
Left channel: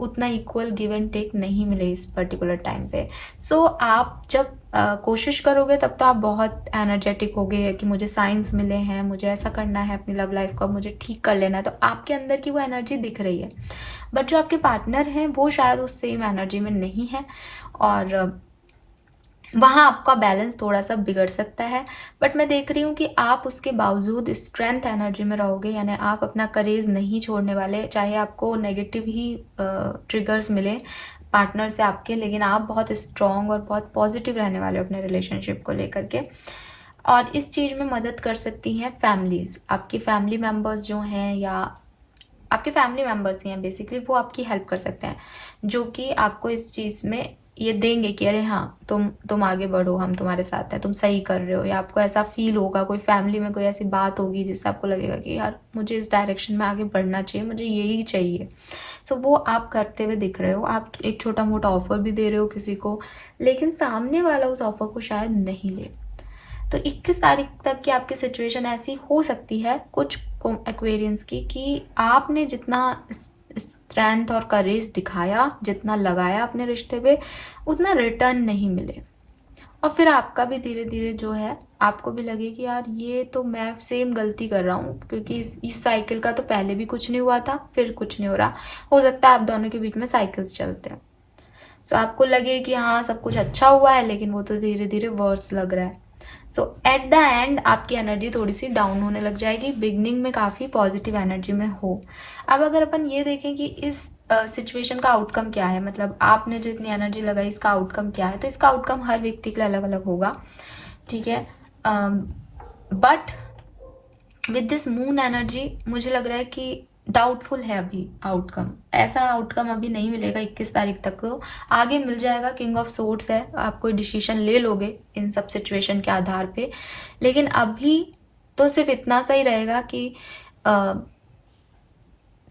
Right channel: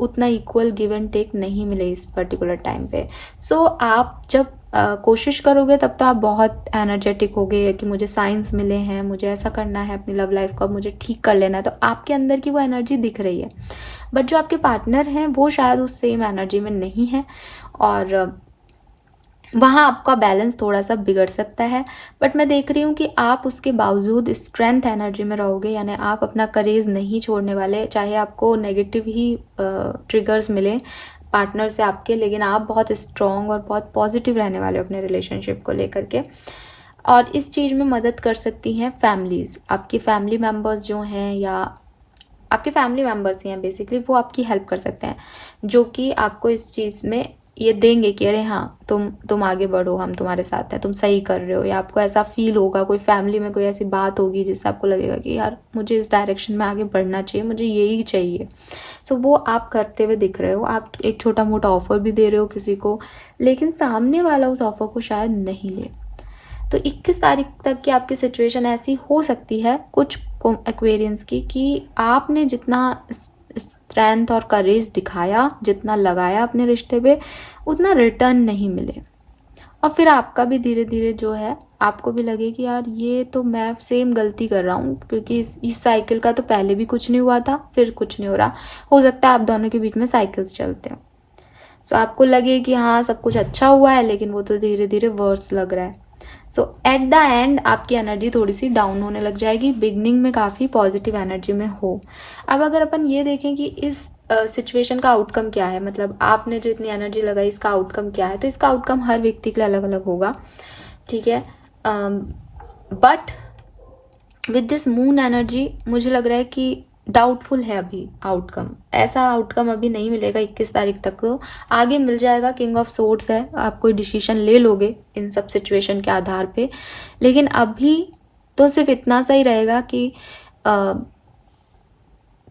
उतना इक्वल गिव एंड टेक नहीं मिले इस पर्टिकुलर टाइम पे। सो आप जब कोशिश करोगे तब तो आप बहुत एनर्जेटिक होगे कि मुझे साइंस मिले हैं, मुझे ऐसा करना है अपनी लव लाइफ का, मुझे ठीक कर लेना है, तो आपके अंदर की वो एनर्जी दिख रही है। बट जो आपके पार्टनर हैं वो शायद उस सेम एनर्जी में नहीं है, और वहाँ आपका बैलेंस थोड़ा सा बिगड़ सकता है। बट मैं देख रही हूँ कि आप उसके बावजूद स्ट्रेंथ एनर्जी में रहोगे, यानी आप अपना करेज नहीं छोड़ने वाले, चाहे आपको नेगेटिव ही ट्रिगर्स मिले पार्टनर से आपके, लेकिन आप बहुत स्ट्रॉन्ग और बहुत पॉजिटिव रहने वाले हो अपने रिलेशनशिप को लेकर के। और इस चीज़ में मदद कर सकती हैं फैमिलीज़, आपकी फैमिली मेम्बर्स जो हैं या आपके फैमिली मेम्बर्स ही हैं बेसिकली, वो आपकी हेल्प कर सकते हैं, जो कि आपको इस चीज़ में ये देंगे कि अरे हाँ तुम आगे बढ़ो, हम तुम्हारे साथ हैं, तुम सही कर रहे हो, या आपको ऐसा फील होगा, कोई फैमिली में कोई ऐसी बात होगी जिससे आपको लगेगा कि यार मुझे इस डायरेक्शन में आगे बढ़ना चाहिए, मुझे यही चाहिए। सो वो आप करते हुए दिख रहे हो, आप एक छोटा मोटा ऑफर भी दे रहे हो किसी को, लेकिन सामने वाला उस ऑफर को शायद नहीं ले। तो 21 तारीख तक की आपकी सिचुएशन ऐसी हो सकती है कुछ एक्वेरियंस की कि आपने जितना स्ट्रेंथ और करेज दिखाया, जितना लगाया अपने रिश्ते पे, उतना रिटर्न नहीं मिले, और फिर आपका भी धीरे धीरे जो है आपको भी लगे कि यार ये तो मैं सेम गलती कर रहा हूँ, क्योंकि इस साइकिल का तो पहले भी कुछ नहीं हुआ था, फिर कुछ नहीं हो रहा। हो सकता है आप दोनों के बीच में साइकिल्स चलते हैं, सो आपको लगे कि हाँ सब कुछ अच्छा हुआ है, लेकिन वो तो धीरे धीरे वर्स लग रहा है। सो एट द एंड आपकी एनर्जी थोड़ी सी डाउन होने लग जाएगी, बिगनिंग में काफ़ी पॉजिटिव एनर्जी में हो। अब अगर अपन ये देखें कि इस सिचुएशन का आउटकम क्या है, मतलब आपने जो इतनी एनर्जी लगाई इसका आउटकम क्या है, तो इसका आउटकम हर व्यक्ति के लिए अलग अलग होगा, ठीक है। But with this moon energy मुझे लग रहा है कि डाउटफुल है अभी आउटकम, ऐसा आउटकम अभी नहीं मिलेगा 21 तारीख तक, तो आगे मिल जाएगा। किंग ऑफ सोर्ड्स है, आप कोई डिसीजन ले लोगे इन सब सिचुएशन के आधार पे, लेकिन अभी तो सिर्फ इतना सा ही रहेगा कि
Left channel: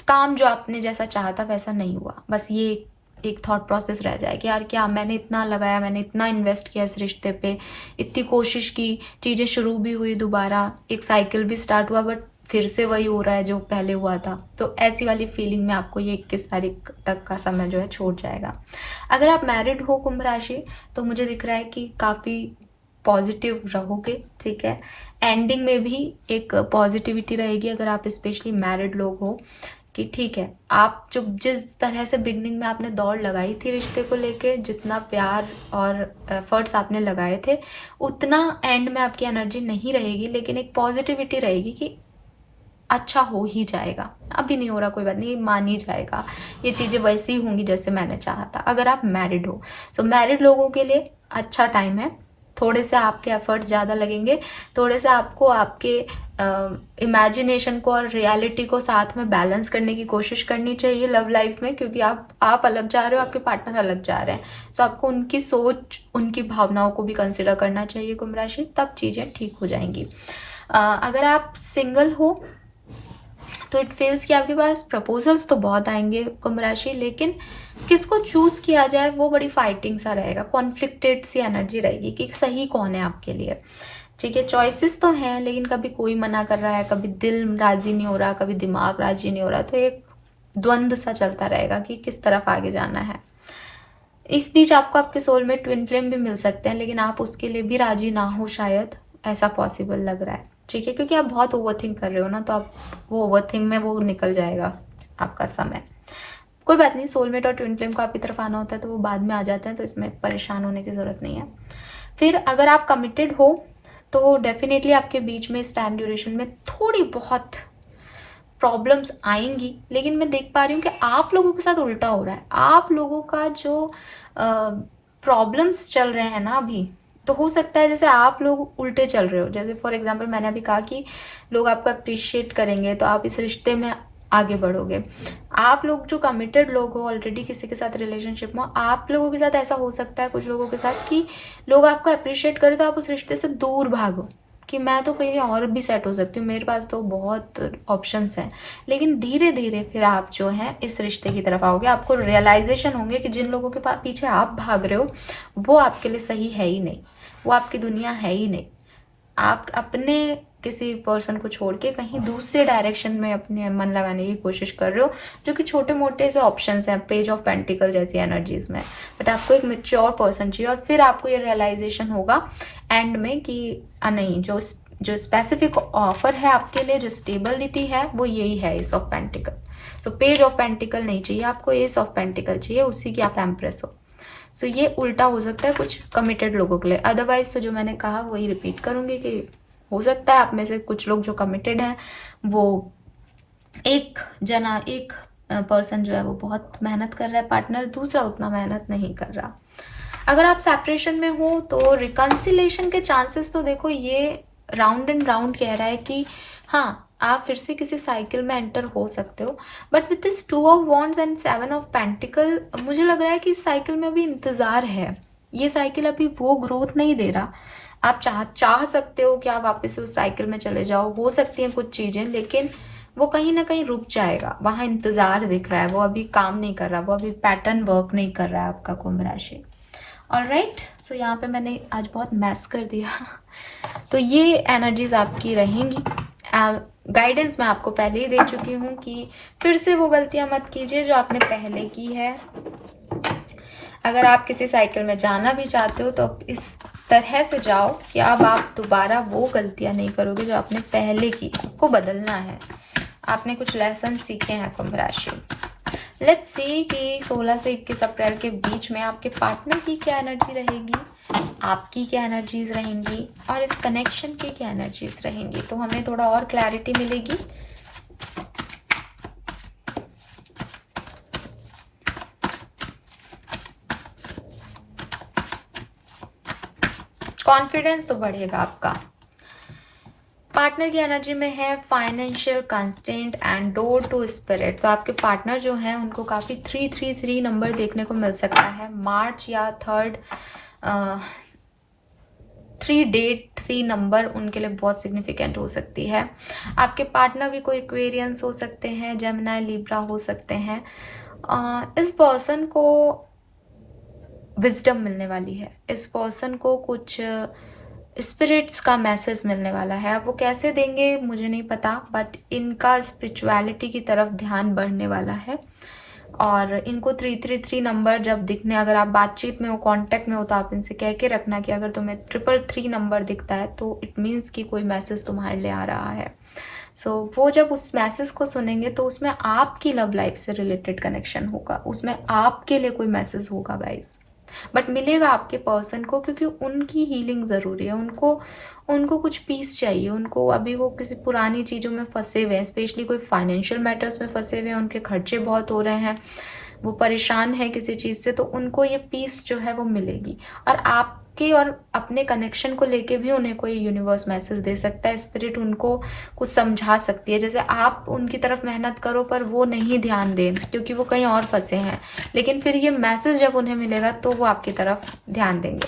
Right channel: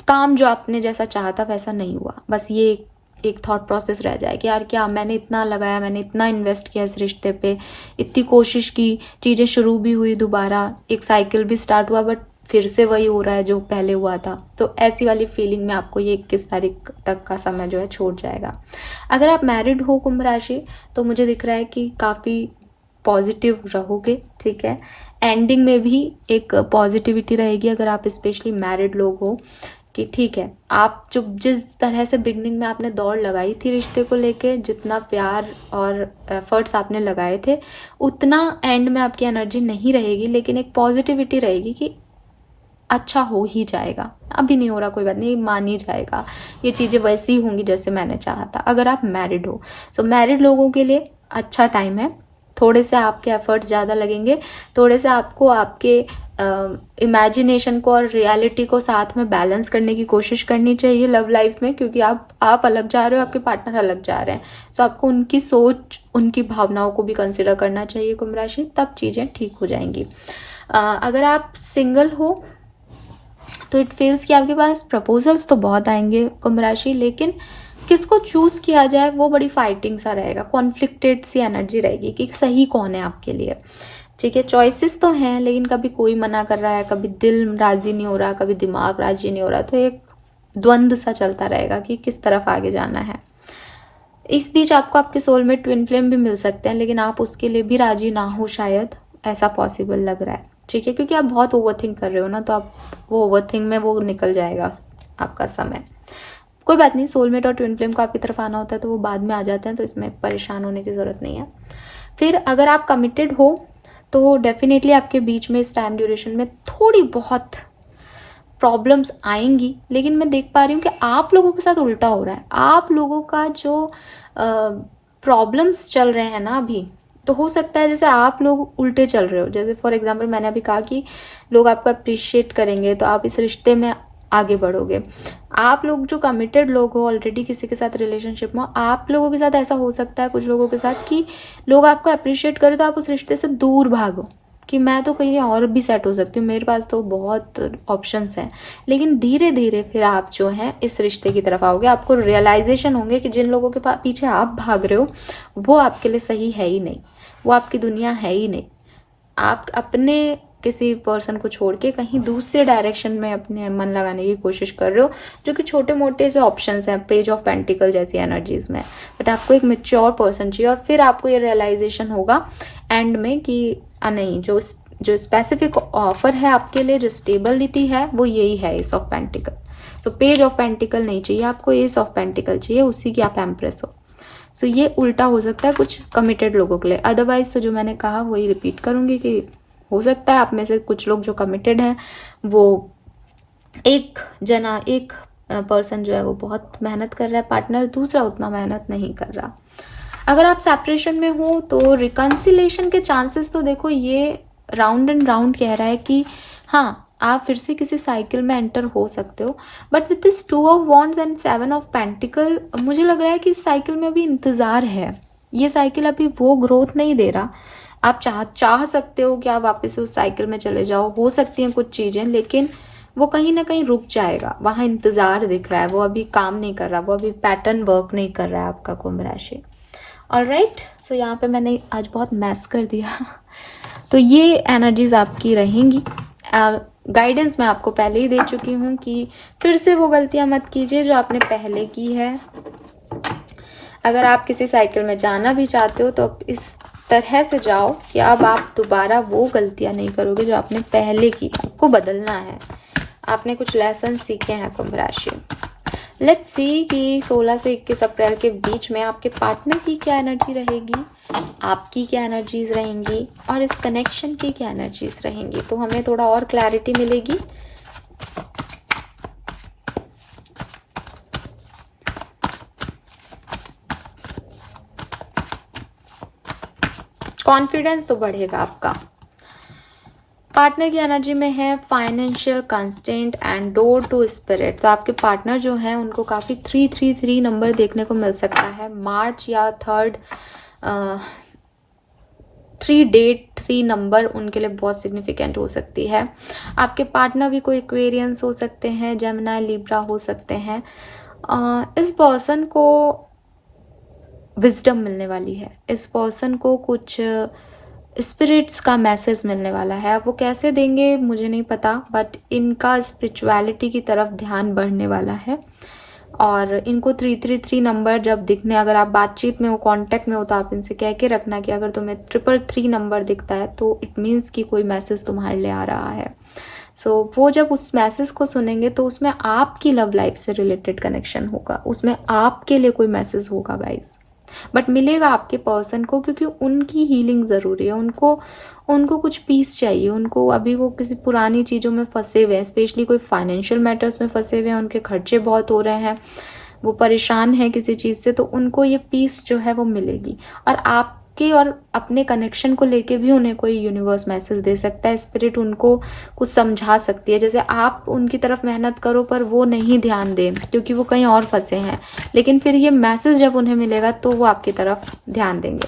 काम जो आपने जैसा चाहा था वैसा नहीं हुआ, बस ये एक थॉट प्रोसेस रह जाए कि यार क्या मैंने इतना लगाया, मैंने इतना इन्वेस्ट किया इस रिश्ते पे, इतनी कोशिश की, चीज़ें शुरू भी हुई, दोबारा एक साइकिल भी स्टार्ट हुआ, बट फिर से वही हो रहा है जो पहले हुआ था। तो ऐसी वाली फीलिंग में आपको ये 21 तारीख तक का समय जो है छूट जाएगा। अगर आप मैरिड हो कुंभ राशि, तो मुझे दिख रहा है कि काफ़ी पॉजिटिव रहोगे, ठीक है। एंडिंग में भी एक पॉजिटिविटी रहेगी अगर आप स्पेशली मैरिड लोग हो, कि ठीक है आप जो जिस तरह से बिगनिंग में आपने दौड़ लगाई थी रिश्ते को लेके, जितना प्यार और एफर्ट्स आपने लगाए थे, उतना एंड में आपकी एनर्जी नहीं रहेगी, लेकिन एक पॉजिटिविटी रहेगी कि अच्छा हो ही जाएगा, अभी नहीं हो रहा कोई बात नहीं, मान ही जाएगा, ये चीज़ें वैसी ही होंगी जैसे मैंने चाहा था, अगर आप मैरिड हो। सो मैरिड लोगों के लिए अच्छा टाइम है, थोड़े से आपके एफर्ट्स ज़्यादा लगेंगे, थोड़े से आपको आपके इमेजिनेशन को और रियलिटी को साथ में बैलेंस करने की कोशिश करनी चाहिए लव लाइफ में, क्योंकि आप अलग जा रहे हो, आपके पार्टनर अलग जा रहे हैं, सो आपको उनकी सोच, उनकी भावनाओं को भी कंसिडर करना चाहिए कुंभ राशि, तब चीज़ें ठीक हो जाएंगी। अगर आप सिंगल हो तो इट फील्स कि आपके पास प्रपोजल्स तो बहुत आएंगे कुंभ राशि, लेकिन किसको चूज किया जाए वो बड़ी फाइटिंग सा रहेगा, कॉन्फ्लिक्टेड सी एनर्जी रहेगी कि सही कौन है आपके लिए, ठीक है। चॉइसेस तो हैं, लेकिन कभी कोई मना कर रहा है, कभी दिल राजी नहीं हो रहा, कभी दिमाग राजी नहीं हो रहा, तो एक द्वंद्व सा चलता रहेगा कि किस तरफ आगे जाना है। इस बीच आपको आपके सोल में ट्विन फ्लेम भी मिल सकते हैं, लेकिन आप उसके लिए भी राजी ना हो शायद, ऐसा पॉसिबल लग रहा है, ठीक है, क्योंकि आप बहुत ओवरथिंक कर रहे हो ना, तो आप वो ओवरथिंक में वो निकल जाएगा आपका समय। कोई बात नहीं, सोलमेट और ट्विन फ्लेम को आपकी तरफ आना होता है तो वो बाद में आ जाते हैं, तो इसमें परेशान होने की ज़रूरत नहीं है। फिर अगर आप कमिटेड हो तो डेफिनेटली आपके बीच में इस टाइम ड्यूरेशन में थोड़ी बहुत प्रॉब्लम्स आएंगी, लेकिन मैं देख पा रही हूँ कि आप लोगों के साथ उल्टा हो रहा है, आप लोगों का जो प्रॉब्लम्स चल रहे हैं ना अभी, तो हो सकता है जैसे आप लोग उल्टे चल रहे हो, जैसे फॉर एग्जांपल मैंने अभी कहा कि लोग आपको अप्रिशिएट करेंगे तो आप इस रिश्ते में आगे बढ़ोगे। आप लोग जो कमिटेड लोग हो ऑलरेडी किसी के साथ रिलेशनशिप में, आप लोगों के साथ ऐसा हो सकता है कुछ लोगों के साथ कि लोग आपको अप्रिशिएट करें तो आप उस रिश्ते से दूर भागो, कि मैं तो कहीं और भी सेट हो सकती हूँ, मेरे पास तो बहुत ऑप्शंस हैं। लेकिन धीरे धीरे फिर आप जो है इस रिश्ते की तरफ आओगे, आपको रियलाइजेशन होंगे कि जिन लोगों के पीछे आप भाग रहे हो वो आपके लिए सही है ही नहीं, वो आपकी दुनिया है ही नहीं। आप अपने किसी पर्सन को छोड़ के कहीं दूसरे डायरेक्शन में अपने मन लगाने की कोशिश कर रहे हो, जो कि छोटे मोटे से ऑप्शंस हैं पेज ऑफ पेंटिकल जैसी एनर्जीज में। बट आपको एक मेच्योर पर्सन चाहिए, और फिर आपको ये रियलाइजेशन होगा एंड में कि नहीं, जो स्पेसिफिक ऑफर है आपके लिए, जो स्टेबिलिटी है, वो यही है S of pentacle. So page of pentacle नहीं चाहिए आपको, एस ऑफ पेंटिकल चाहिए, उसी की आप एम्प्रेस हो। सो ये उल्टा हो सकता है कुछ कमिटेड लोगों के लिए। अदरवाइज तो जो मैंने कहा वही रिपीट करूंगी कि हो सकता है आप में से कुछ लोग जो कमिटेड हैं वो एक पर्सन जो है वो बहुत मेहनत कर रहा है, पार्टनर दूसरा उतना मेहनत नहीं कर रहा। अगर आप सेपरेशन में हो तो रिकंसिलेशन के चांसेस तो देखो ये राउंड एंड राउंड कह रहा है कि हाँ आप फिर से किसी साइकिल में एंटर हो सकते हो। But with this 2 of wands and 7 of pentacle मुझे लग रहा है कि इस साइकिल में अभी इंतजार है, ये साइकिल अभी वो ग्रोथ नहीं दे रहा। आप चाह सकते हो कि आप वापस उस साइकिल में चले जाओ, हो सकती हैं कुछ चीजें, लेकिन वो कहीं ना कहीं रुक जाएगा। वहां इंतजार दिख रहा है, वो अभी काम नहीं कर रहा, वो अभी पैटर्न वर्क नहीं कर रहा है आपका कुंभ राशि। ऑलराइट, सो यहाँ पे मैंने आज बहुत मैस कर दिया तो ये एनर्जीज आपकी रहेंगी। गाइडेंस मैं आपको पहले ही दे चुकी हूँ कि फिर से वो गलतियां मत कीजिए जो आपने पहले की है। अगर आप किसी साइकिल में जाना भी चाहते हो तो इस तरह से जाओ कि अब आप दोबारा वो गलतियां नहीं करोगे जो आपने पहले की, को बदलना है। आपने कुछ लेसन सीखे हैं कुंभ राशि। लेट्स सी कि 16 से 21 अप्रैल के बीच में आपके पार्टनर की क्या एनर्जी रहेगी, आपकी क्या एनर्जीज रहेंगी, और इस कनेक्शन की क्या एनर्जीज रहेंगी, तो हमें थोड़ा और क्लैरिटी मिलेगी। कॉन्फिडेंस तो बढ़ेगा आपका। पार्टनर की एनर्जी में है financial constant and door to spirit. तो आपके पार्टनर जो है उनको काफी 333 नंबर देखने को मिल सकता है। मार्च या 3 नंबर उनके लिए बहुत सिग्निफिकेंट हो सकती है। आपके पार्टनर भी कोई एक्वेरियंस हो सकते हैं, जेमिनी, लिब्रा हो सकते हैं। इस पर्सन को विजडम मिलने वाली है, इस पर्सन को कुछ स्पिरिट्स का मैसेज मिलने वाला है। अब वो कैसे देंगे मुझे नहीं पता, बट इनका स्पिरिचुअलिटी की तरफ ध्यान बढ़ने वाला है। और इनको 333 नंबर जब दिखने, अगर आप बातचीत में हो, कांटेक्ट में हो, तो आप इनसे कह के रखना कि अगर तुम्हें 333 नंबर दिखता है तो इट मीन्स कि कोई मैसेज तुम्हारे लिए आ रहा है। सो वो जब उस मैसेज को सुनेंगे तो उसमें आपकी लव लाइफ से रिलेटेड कनेक्शन होगा, उसमें आपके लिए कोई मैसेज होगा गाइस, बट मिलेगा आपके पर्सन को, क्योंकि उनकी हीलिंग जरूरी है। उनको कुछ पीस चाहिए। उनको अभी वो किसी पुरानी चीजों में फंसे हुए हैं, स्पेशली कोई फाइनेंशियल मैटर्स में फंसे हुए हैं, उनके खर्चे बहुत हो रहे हैं, वो परेशान है किसी चीज से, तो उनको ये पीस जो है वो मिलेगी। और आपके और अपने कनेक्शन को लेके भी उन्हें कोई यूनिवर्स मैसेज दे सकता है, स्पिरिट उनको कुछ समझा सकती है। जैसे आप उनकी तरफ मेहनत करो पर वो नहीं ध्यान दें क्योंकि वो कहीं और फंसे हैं, लेकिन फिर ये मैसेज जब उन्हें मिलेगा तो वो आपकी तरफ ध्यान देंगे।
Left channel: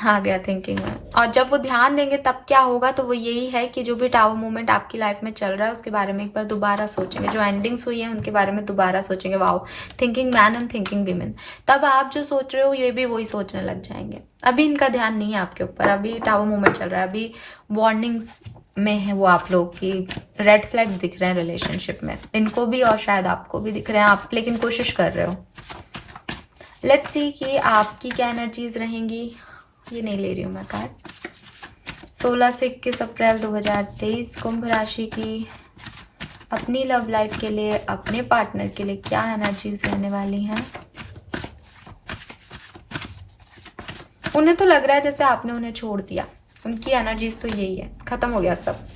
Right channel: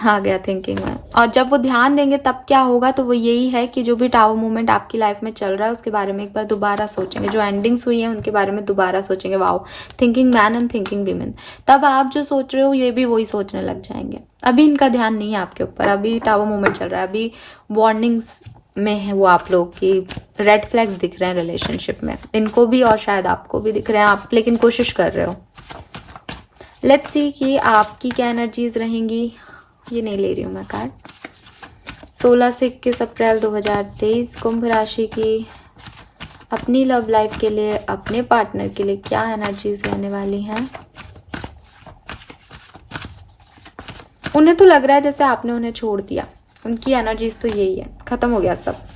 आ गया थिंकिंग में। और जब वो ध्यान देंगे तब क्या होगा, तो वो यही है कि जो भी टावर मूवमेंट आपकी लाइफ में चल रहा है उसके बारे में एक बार दोबारा सोचेंगे, जो एंडिंग्स हुई है उनके बारे में दोबारा सोचेंगे। Wow, thinking man and thinking women. तब आप जो सोच रहे हो ये भी वही सोचने लग जाएंगे। अभी इनका ध्यान नहीं है आपके ऊपर, अभी टावर मूवमेंट चल रहा है, अभी वार्निंग्स में है वो आप लोग की, रेड फ्लैग्स दिख रहे हैं रिलेशनशिप में, इनको भी और शायद आपको भी दिख रहे हैं, आप लेकिन कोशिश कर रहे हो। लेट्स सी कि आपकी क्या एनर्जीज रहेंगी। ये नहीं ले रही हूं मैं कार्ड। 16 से 21 अप्रैल 2023 कुंभ राशि की अपनी लव लाइफ के लिए, अपने पार्टनर के लिए क्या एनर्जीज रहने वाली हैं। उन्हें तो लग रहा है जैसे आपने उन्हें छोड़ दिया, उनकी एनर्जीज तो यही है, खत्म हो गया सब।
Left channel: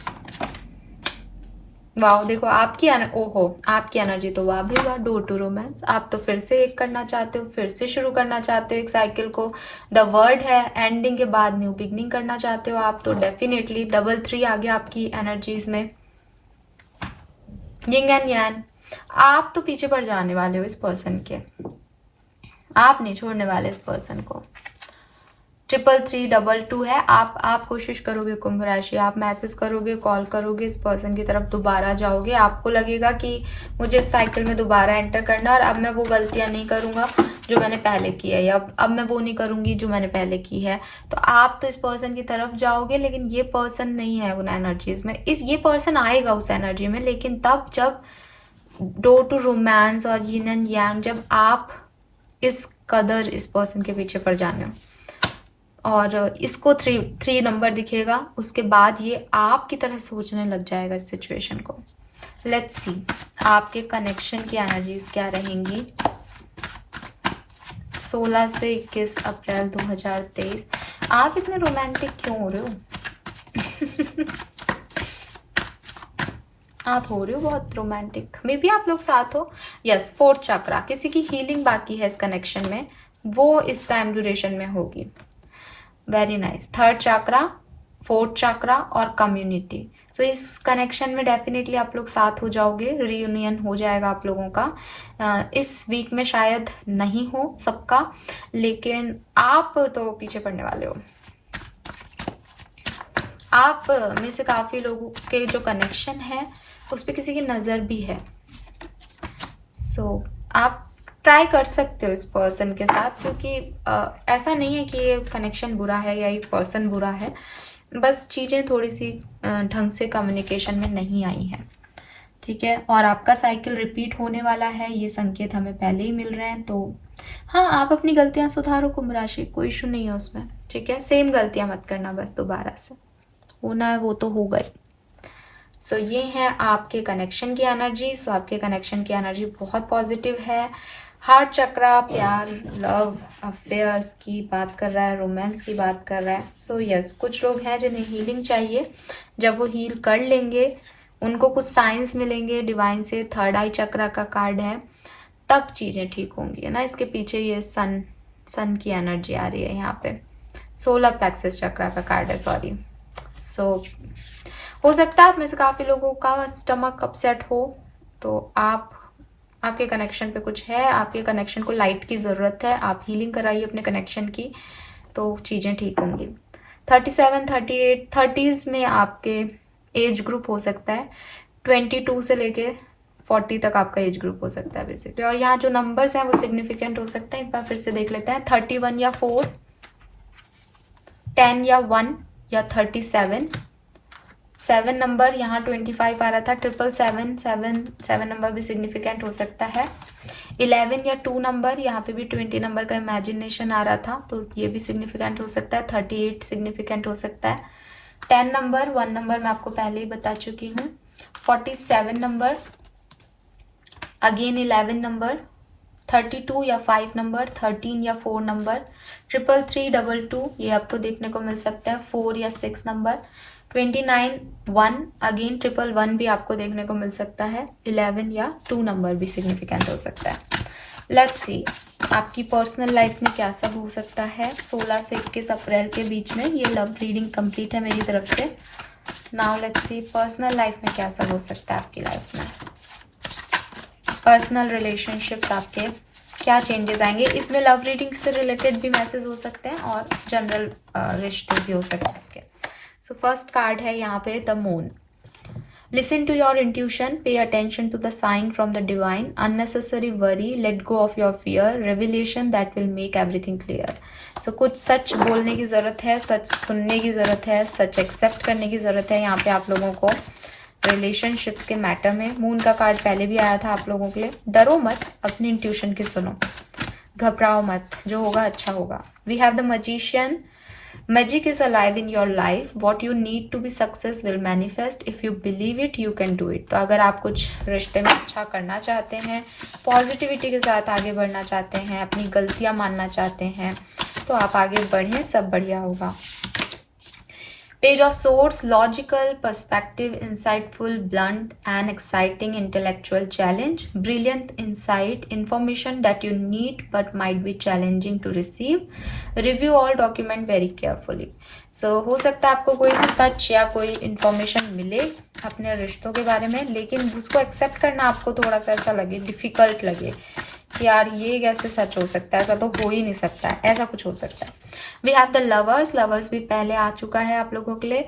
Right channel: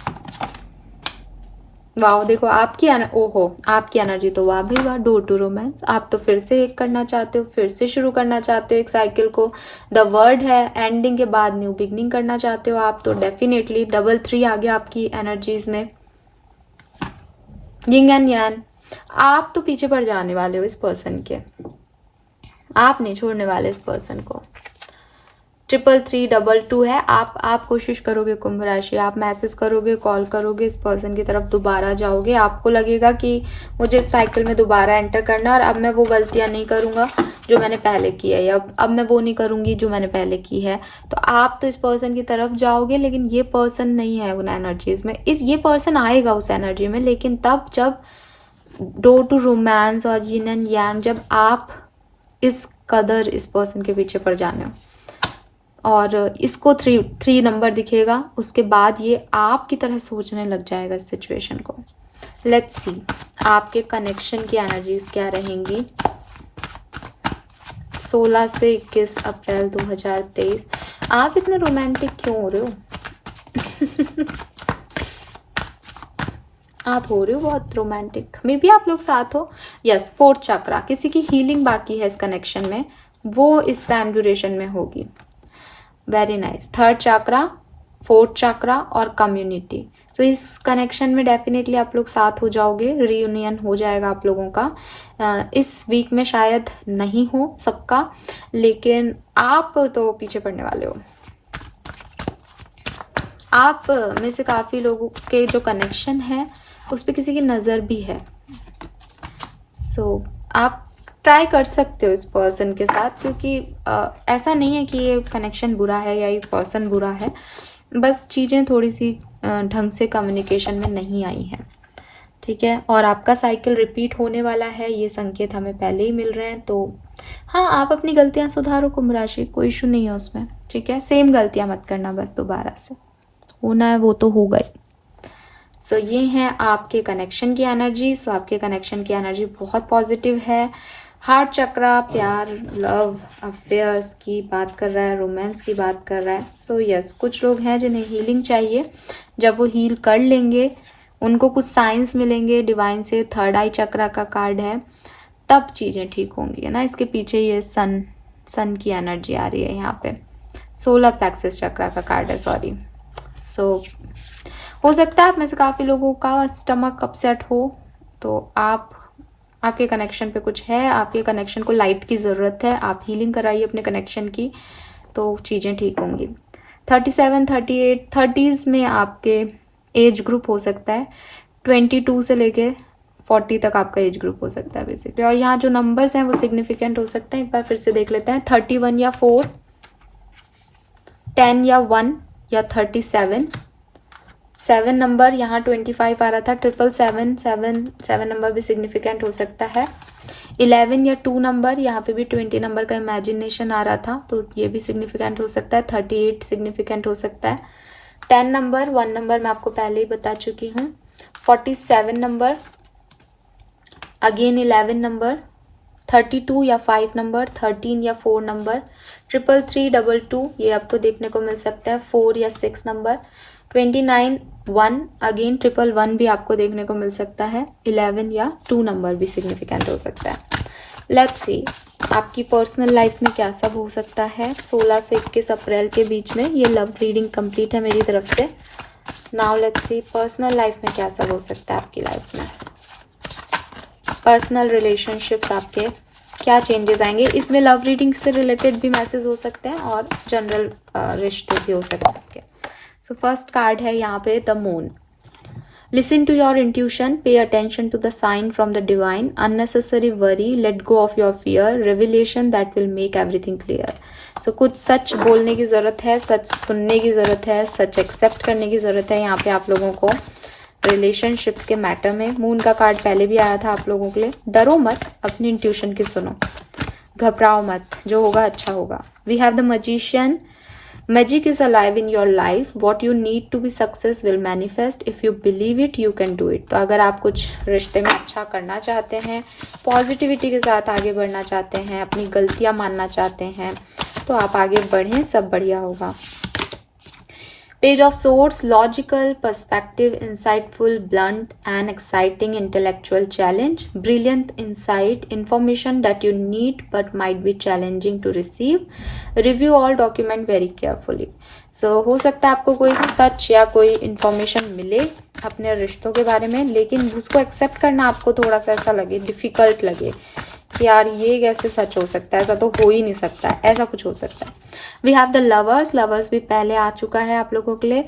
वाओ, देखो आपकी आपकी एनर्जी तो वाह भी हुआ, डोर टू रोमांस। आप तो फिर से एक करना चाहते हो, फिर से शुरू करना चाहते हो एक साइकिल को। द वर्ड है एंडिंग के बाद न्यू बिगनिंग करना चाहते हो आप, तो डेफिनेटली डबल 3 आ गया आपकी एनर्जीज में। Yin and yang. आप तो पीछे पड़ जाने वाले हो इस पर्सन के, आप नहीं छोड़ने वाले इस पर्सन को। 33322 है। आप कोशिश करोगे कुंभ राशि, आप मैसेज करोगे, कॉल करोगे, इस पर्सन की तरफ दोबारा जाओगे, आपको लगेगा कि मुझे इस साइकिल में दोबारा एंटर करना और अब मैं वो गलतियां नहीं करूंगा जो मैंने पहले की है, या अब मैं वो नहीं करूंगी जो मैंने पहले की है। तो आप तो इस पर्सन की तरफ जाओगे, लेकिन ये पर्सन नहीं है उन एनर्जीज में। ये पर्सन आएगा उस एनर्जी में, लेकिन तब जब डोर टू रोमांस और यिन एंड यांग, जब आप इस कदर इस पर्सन के पीछे पड़ जाने हो और इसको थ्री नंबर दिखेगा, उसके बाद ये आपकी तरह सोचने लग जाएगा इस सिचुएशन को। लेट्स सी आपके कनेक्शन की एनर्जीज क्या रहेंगी 16 से 21 अप्रैल 2023। आप इतने रोमांटिक क्यों हो रहे हो? आप हो रहे हो बहुत रोमांटिक, मे बी आप लोग साथ हो। यस, 4th चक्रा, किसी की हीलिंग बाकी है इस कनेक्शन में, वो इस टाइम ड्यूरेशन में होगी। Very nice. 3rd चक्रा, 4th चक्रा और कम्युनिटी। तो इस कनेक्शन में डेफिनेटली आप लोग साथ हो जाओगे, रियूनियन हो जाएगा आप लोगों का। इस वीक में शायद नहीं हो सबका, लेकिन आप तो पीछे पड़ने वाले हो। आप में से काफी लोगों के जो कनेक्शन है उस पर किसी की नजर भी है। सो आप ट्राई कर सकते हो इस पर्सन के साथ, क्योंकि ऐसा नहीं है कि ये कनेक्शन बुरा है या ये पर्सन बुरा है, बस चीज़ें थोड़ी सी ढंग से कम्युनिकेशन में नहीं आई हैं, ठीक है। और आपका साइकिल रिपीट होने वाला है, ये संकेत हमें पहले ही मिल रहे हैं। तो हाँ, आप अपनी गलतियां सुधारो कुंभ राशि, कोई इशू नहीं है उसमें, ठीक है। सेम गलतियां मत करना, बस दोबारा से होना है वो तो होगा ही। सो ये हैं आपके कनेक्शन की एनर्जी। सो आपके कनेक्शन की एनर्जी बहुत पॉजिटिव है। हार्ट चक्रा प्यार, लव, अफेयर्स की बात कर रहा है, रोमांस की बात कर रहा है। सो यस, कुछ लोग हैं जिन्हें हीलिंग चाहिए, जब वो हील कर लेंगे उनको कुछ साइंस मिलेंगे डिवाइन से। 3rd आई चक्रा का कार्ड है, तब चीजें ठीक होंगी, है ना। इसके पीछे ये सन की एनर्जी आ रही है यहाँ पे। सोलर प्लेक्सस चक्रा का कार्ड है, सॉरी। सो हो सकता है आप में से काफी लोगों का स्टमक अपसेट हो, तो आपके कनेक्शन पे कुछ है, आपके कनेक्शन को लाइट की जरूरत है, आप हीलिंग कराइए अपने कनेक्शन की, तो चीजें ठीक होंगी। 37, 38, 30s में आपके एज ग्रुप हो सकता है, 22 से लेके 40 तक आपका एज ग्रुप हो सकता है बेसिकली। और यहाँ जो नंबर्स हैं वो सिग्निफिकेंट हो सकते हैं, एक बार फिर से देख लेते हैं। 31 या 4, 10 या 1 या 37, 7 नंबर, यहाँ 25 आ रहा था, 777 नंबर भी सिग्निफिकेंट हो सकता है। 11 या 2 नंबर, यहाँ पे भी 20 नंबर का इमेजिनेशन आ रहा था, तो ये भी सिग्निफिकेंट हो सकता है। 38 सिग्निफिकेंट हो सकता है। 10 नंबर, 1 नंबर मैं आपको पहले ही बता चुकी हूँ। 47 नंबर, अगेन 11 नंबर, 32 या 5 नंबर, 13 या 4 नंबर, 33322 ये आपको देखने को मिल सकता है, 4 या 6 नंबर, 29 1, अगेन 111 भी आपको देखने को मिल सकता है, 11 या 2 नंबर भी सिग्निफिकेंट हो सकता है। लेट्स सी आपकी पर्सनल लाइफ में क्या सब हो सकता है 16 से 21 अप्रैल के बीच में। ये लव रीडिंग कंप्लीट है मेरी तरफ से। Now let's see personal life में क्या सब हो सकता है आपकी लाइफ में। पर्सनल रिलेशनशिप्स आपके क्या चेंजेस आएंगे, इसमें लव रीडिंग से रिलेटेड भी मैसेज हो सकते हैं और जनरल रिश्ते भी हो सकते हैं आपके। सो फर्स्ट कार्ड है यहाँ पे the moon. Listen to your intuition, pay attention to the sign from the divine, unnecessary worry, let go of your fear, revelation that will make everything clear. So कुछ सच बोलने की जरूरत है, सच सुनने की जरूरत है, सच एक्सेप्ट करने की जरूरत है यहाँ पे आप लोगों को रिलेशनशिप्स के मैटर में। मून का कार्ड पहले भी आया था आप लोगों के लिए। डरो मत, अपनी इंट्यूशन की सुनो, घबराओ मत, जो होगा अच्छा होगा। We have the magician. Magic is alive in your life. What you need to be success will manifest. If you believe it, you can do it. तो अगर आप कुछ रिश्ते में अच्छा करना चाहते हैं, पॉजिटिविटी के साथ आगे बढ़ना चाहते हैं, अपनी गलतियां मानना चाहते हैं, तो आप आगे बढ़ें, सब बढ़िया होगा। Page of Swords, logical, perspective, insightful, blunt and exciting intellectual challenge, brilliant insight, information that you need but might be challenging to receive, review all document very carefully. So हो सकता है आपको कोई सच या कोई इंफॉर्मेशन मिले अपने रिश्तों के बारे में, लेकिन उसको एक्सेप्ट करना आपको थोड़ा सा ऐसा लगे, डिफिकल्ट लगे कि यार ये कैसे सच हो सकता है, ऐसा तो हो ही नहीं सकता है, ऐसा कुछ हो सकता है। We have the lovers, lovers भी पहले आ चुका है आप लोगों के लिए।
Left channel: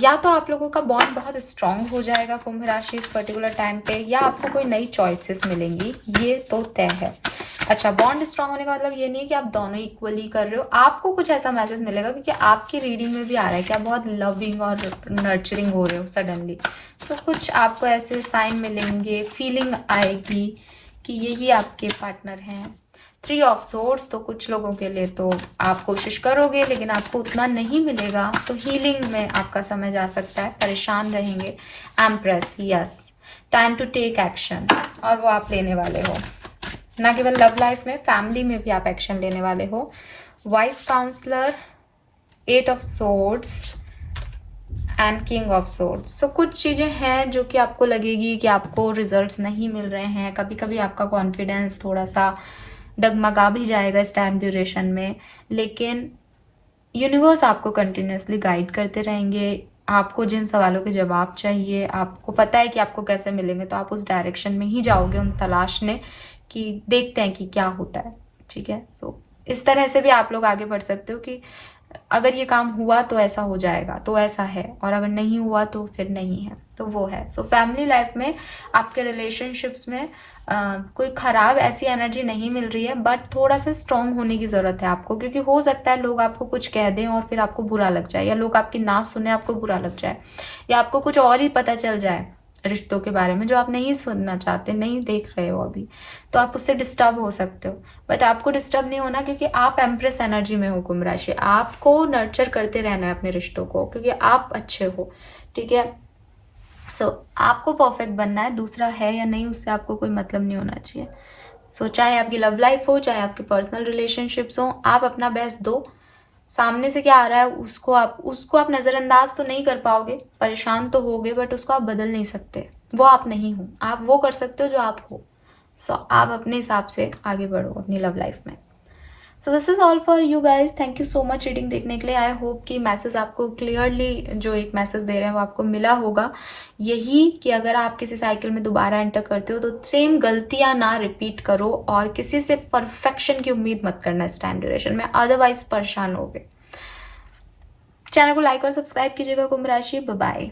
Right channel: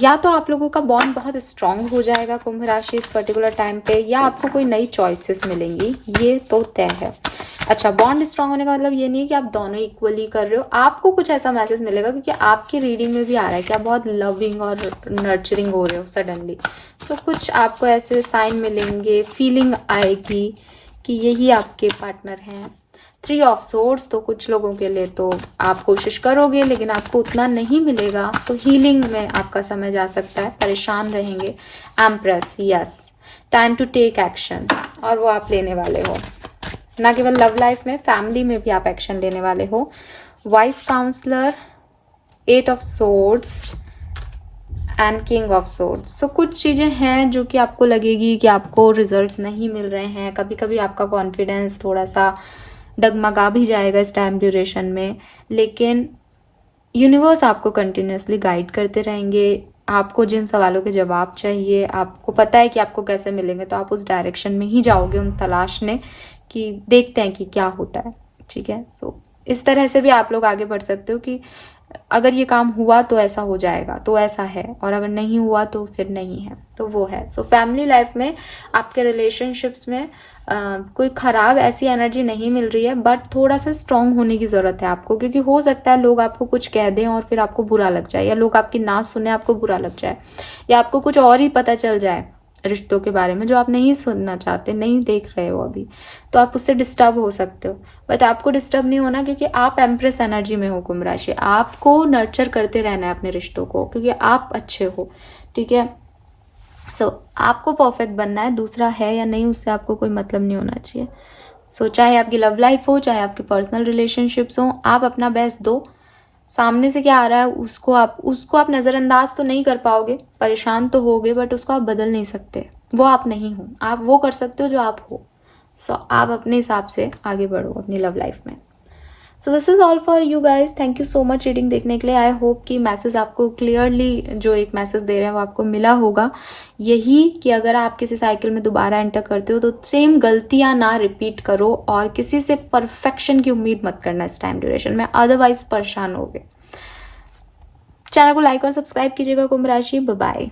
या तो आप लोगों का बॉन्ड बहुत स्ट्रांग हो जाएगा कुंभ राशि इस पर्टिकुलर टाइम पे, या आपको कोई नई चॉइसेस मिलेंगी, ये तो तय है। अच्छा, बॉन्ड स्ट्रांग होने का मतलब ये नहीं है कि आप दोनों इक्वली कर रहे हो, आपको कुछ ऐसा मैसेज मिलेगा, क्योंकि आपकी रीडिंग में भी आ रहा है कि आप बहुत लविंग और नर्चरिंग हो रहे हो सडनली। तो कुछ आपको ऐसे साइन मिलेंगे, फीलिंग आएगी कि यही आपके पार्टनर हैं। 3 ऑफ सोर्ड्स, तो कुछ लोगों के लिए तो आप कोशिश करोगे लेकिन आपको उतना नहीं मिलेगा, तो हीलिंग में आपका समय जा सकता है, परेशान रहेंगे। Empress, yes, time to take action, और वो आप लेने वाले हो, ना केवल लव लाइफ में, फैमिली में भी आप एक्शन लेने वाले हो। Wise counsellor, 8 of swords and king of swords. So कुछ चीजें हैं जो कि आपको लगेगी कि आपको रिजल्ट्स नहीं मिल रहे हैं, कभी कभी आपका कॉन्फिडेंस थोड़ा सा डगमगा भी जाएगा इस टाइम ड्यूरेशन में, लेकिन यूनिवर्स आपको कंटिन्यूसली गाइड करते रहेंगे। आपको जिन सवालों के जवाब चाहिए, आपको पता है कि आपको कैसे मिलेंगे, तो आप उस डायरेक्शन में ही जाओगे उन तलाशने कि देखते हैं कि क्या होता है। ठीक है, सो इस तरह से भी आप लोग आगे बढ़ सकते हो कि अगर ये काम हुआ तो ऐसा हो जाएगा, तो ऐसा है, और अगर नहीं हुआ तो फिर नहीं है, तो वो है। सो फैमिली लाइफ में, आपके रिलेशनशिप्स में कोई खराब ऐसी एनर्जी नहीं मिल रही है, बट थोड़ा सा स्ट्रांग होने की जरूरत है आपको, क्योंकि हो सकता है लोग आपको कुछ कह दें और फिर आपको बुरा लग जाए, या लोग आपकी ना सुने आपको बुरा लग जाए, या आपको कुछ और ही पता चल जाए रिश्तों के बारे में जो आप नहीं सुनना चाहते, नहीं देख रहे हो अभी, तो आप उससे डिस्टर्ब हो सकते हो। बट आपको डिस्टर्ब नहीं होना, क्योंकि आप एम्प्रेस एनर्जी में हो कुंभ राशि, आपको नर्चर करते रहना है अपने रिश्तों को, क्योंकि आप अच्छे हो। ठीक है, सो आपको परफेक्ट बनना है, दूसरा है या नहीं उससे आपको कोई मतलब नहीं होना चाहिए। सो चाहे आपकी लव लाइफ हो, चाहे आपकी पर्सनल रिलेशनशिप्स हो, आप अपना बेस्ट दो। सामने से क्या आ रहा है उसको आप नजरअंदाज तो नहीं कर पाओगे, परेशान तो होगे, बट उसको आप बदल नहीं सकते, वो आप नहीं हो, आप वो कर सकते हो जो आप हो। सो आप अपने हिसाब से आगे बढ़ो अपनी लव लाइफ में। So this is all for you guys, thank you so much reading देखने के लिए। आई होप कि मैसेज आपको क्लियरली, जो एक मैसेज दे रहे हैं वो आपको मिला होगा, यही कि अगर आप किसी साइकिल में दोबारा एंटर करते हो तो सेम गलतियां ना रिपीट करो, और किसी से परफेक्शन की उम्मीद मत करना इस टाइम ड्यूरेशन में, अदरवाइज परेशान होगे। चैनल को लाइक और सब्सक्राइब कीजिएगा कुंभ राशि। Bye bye.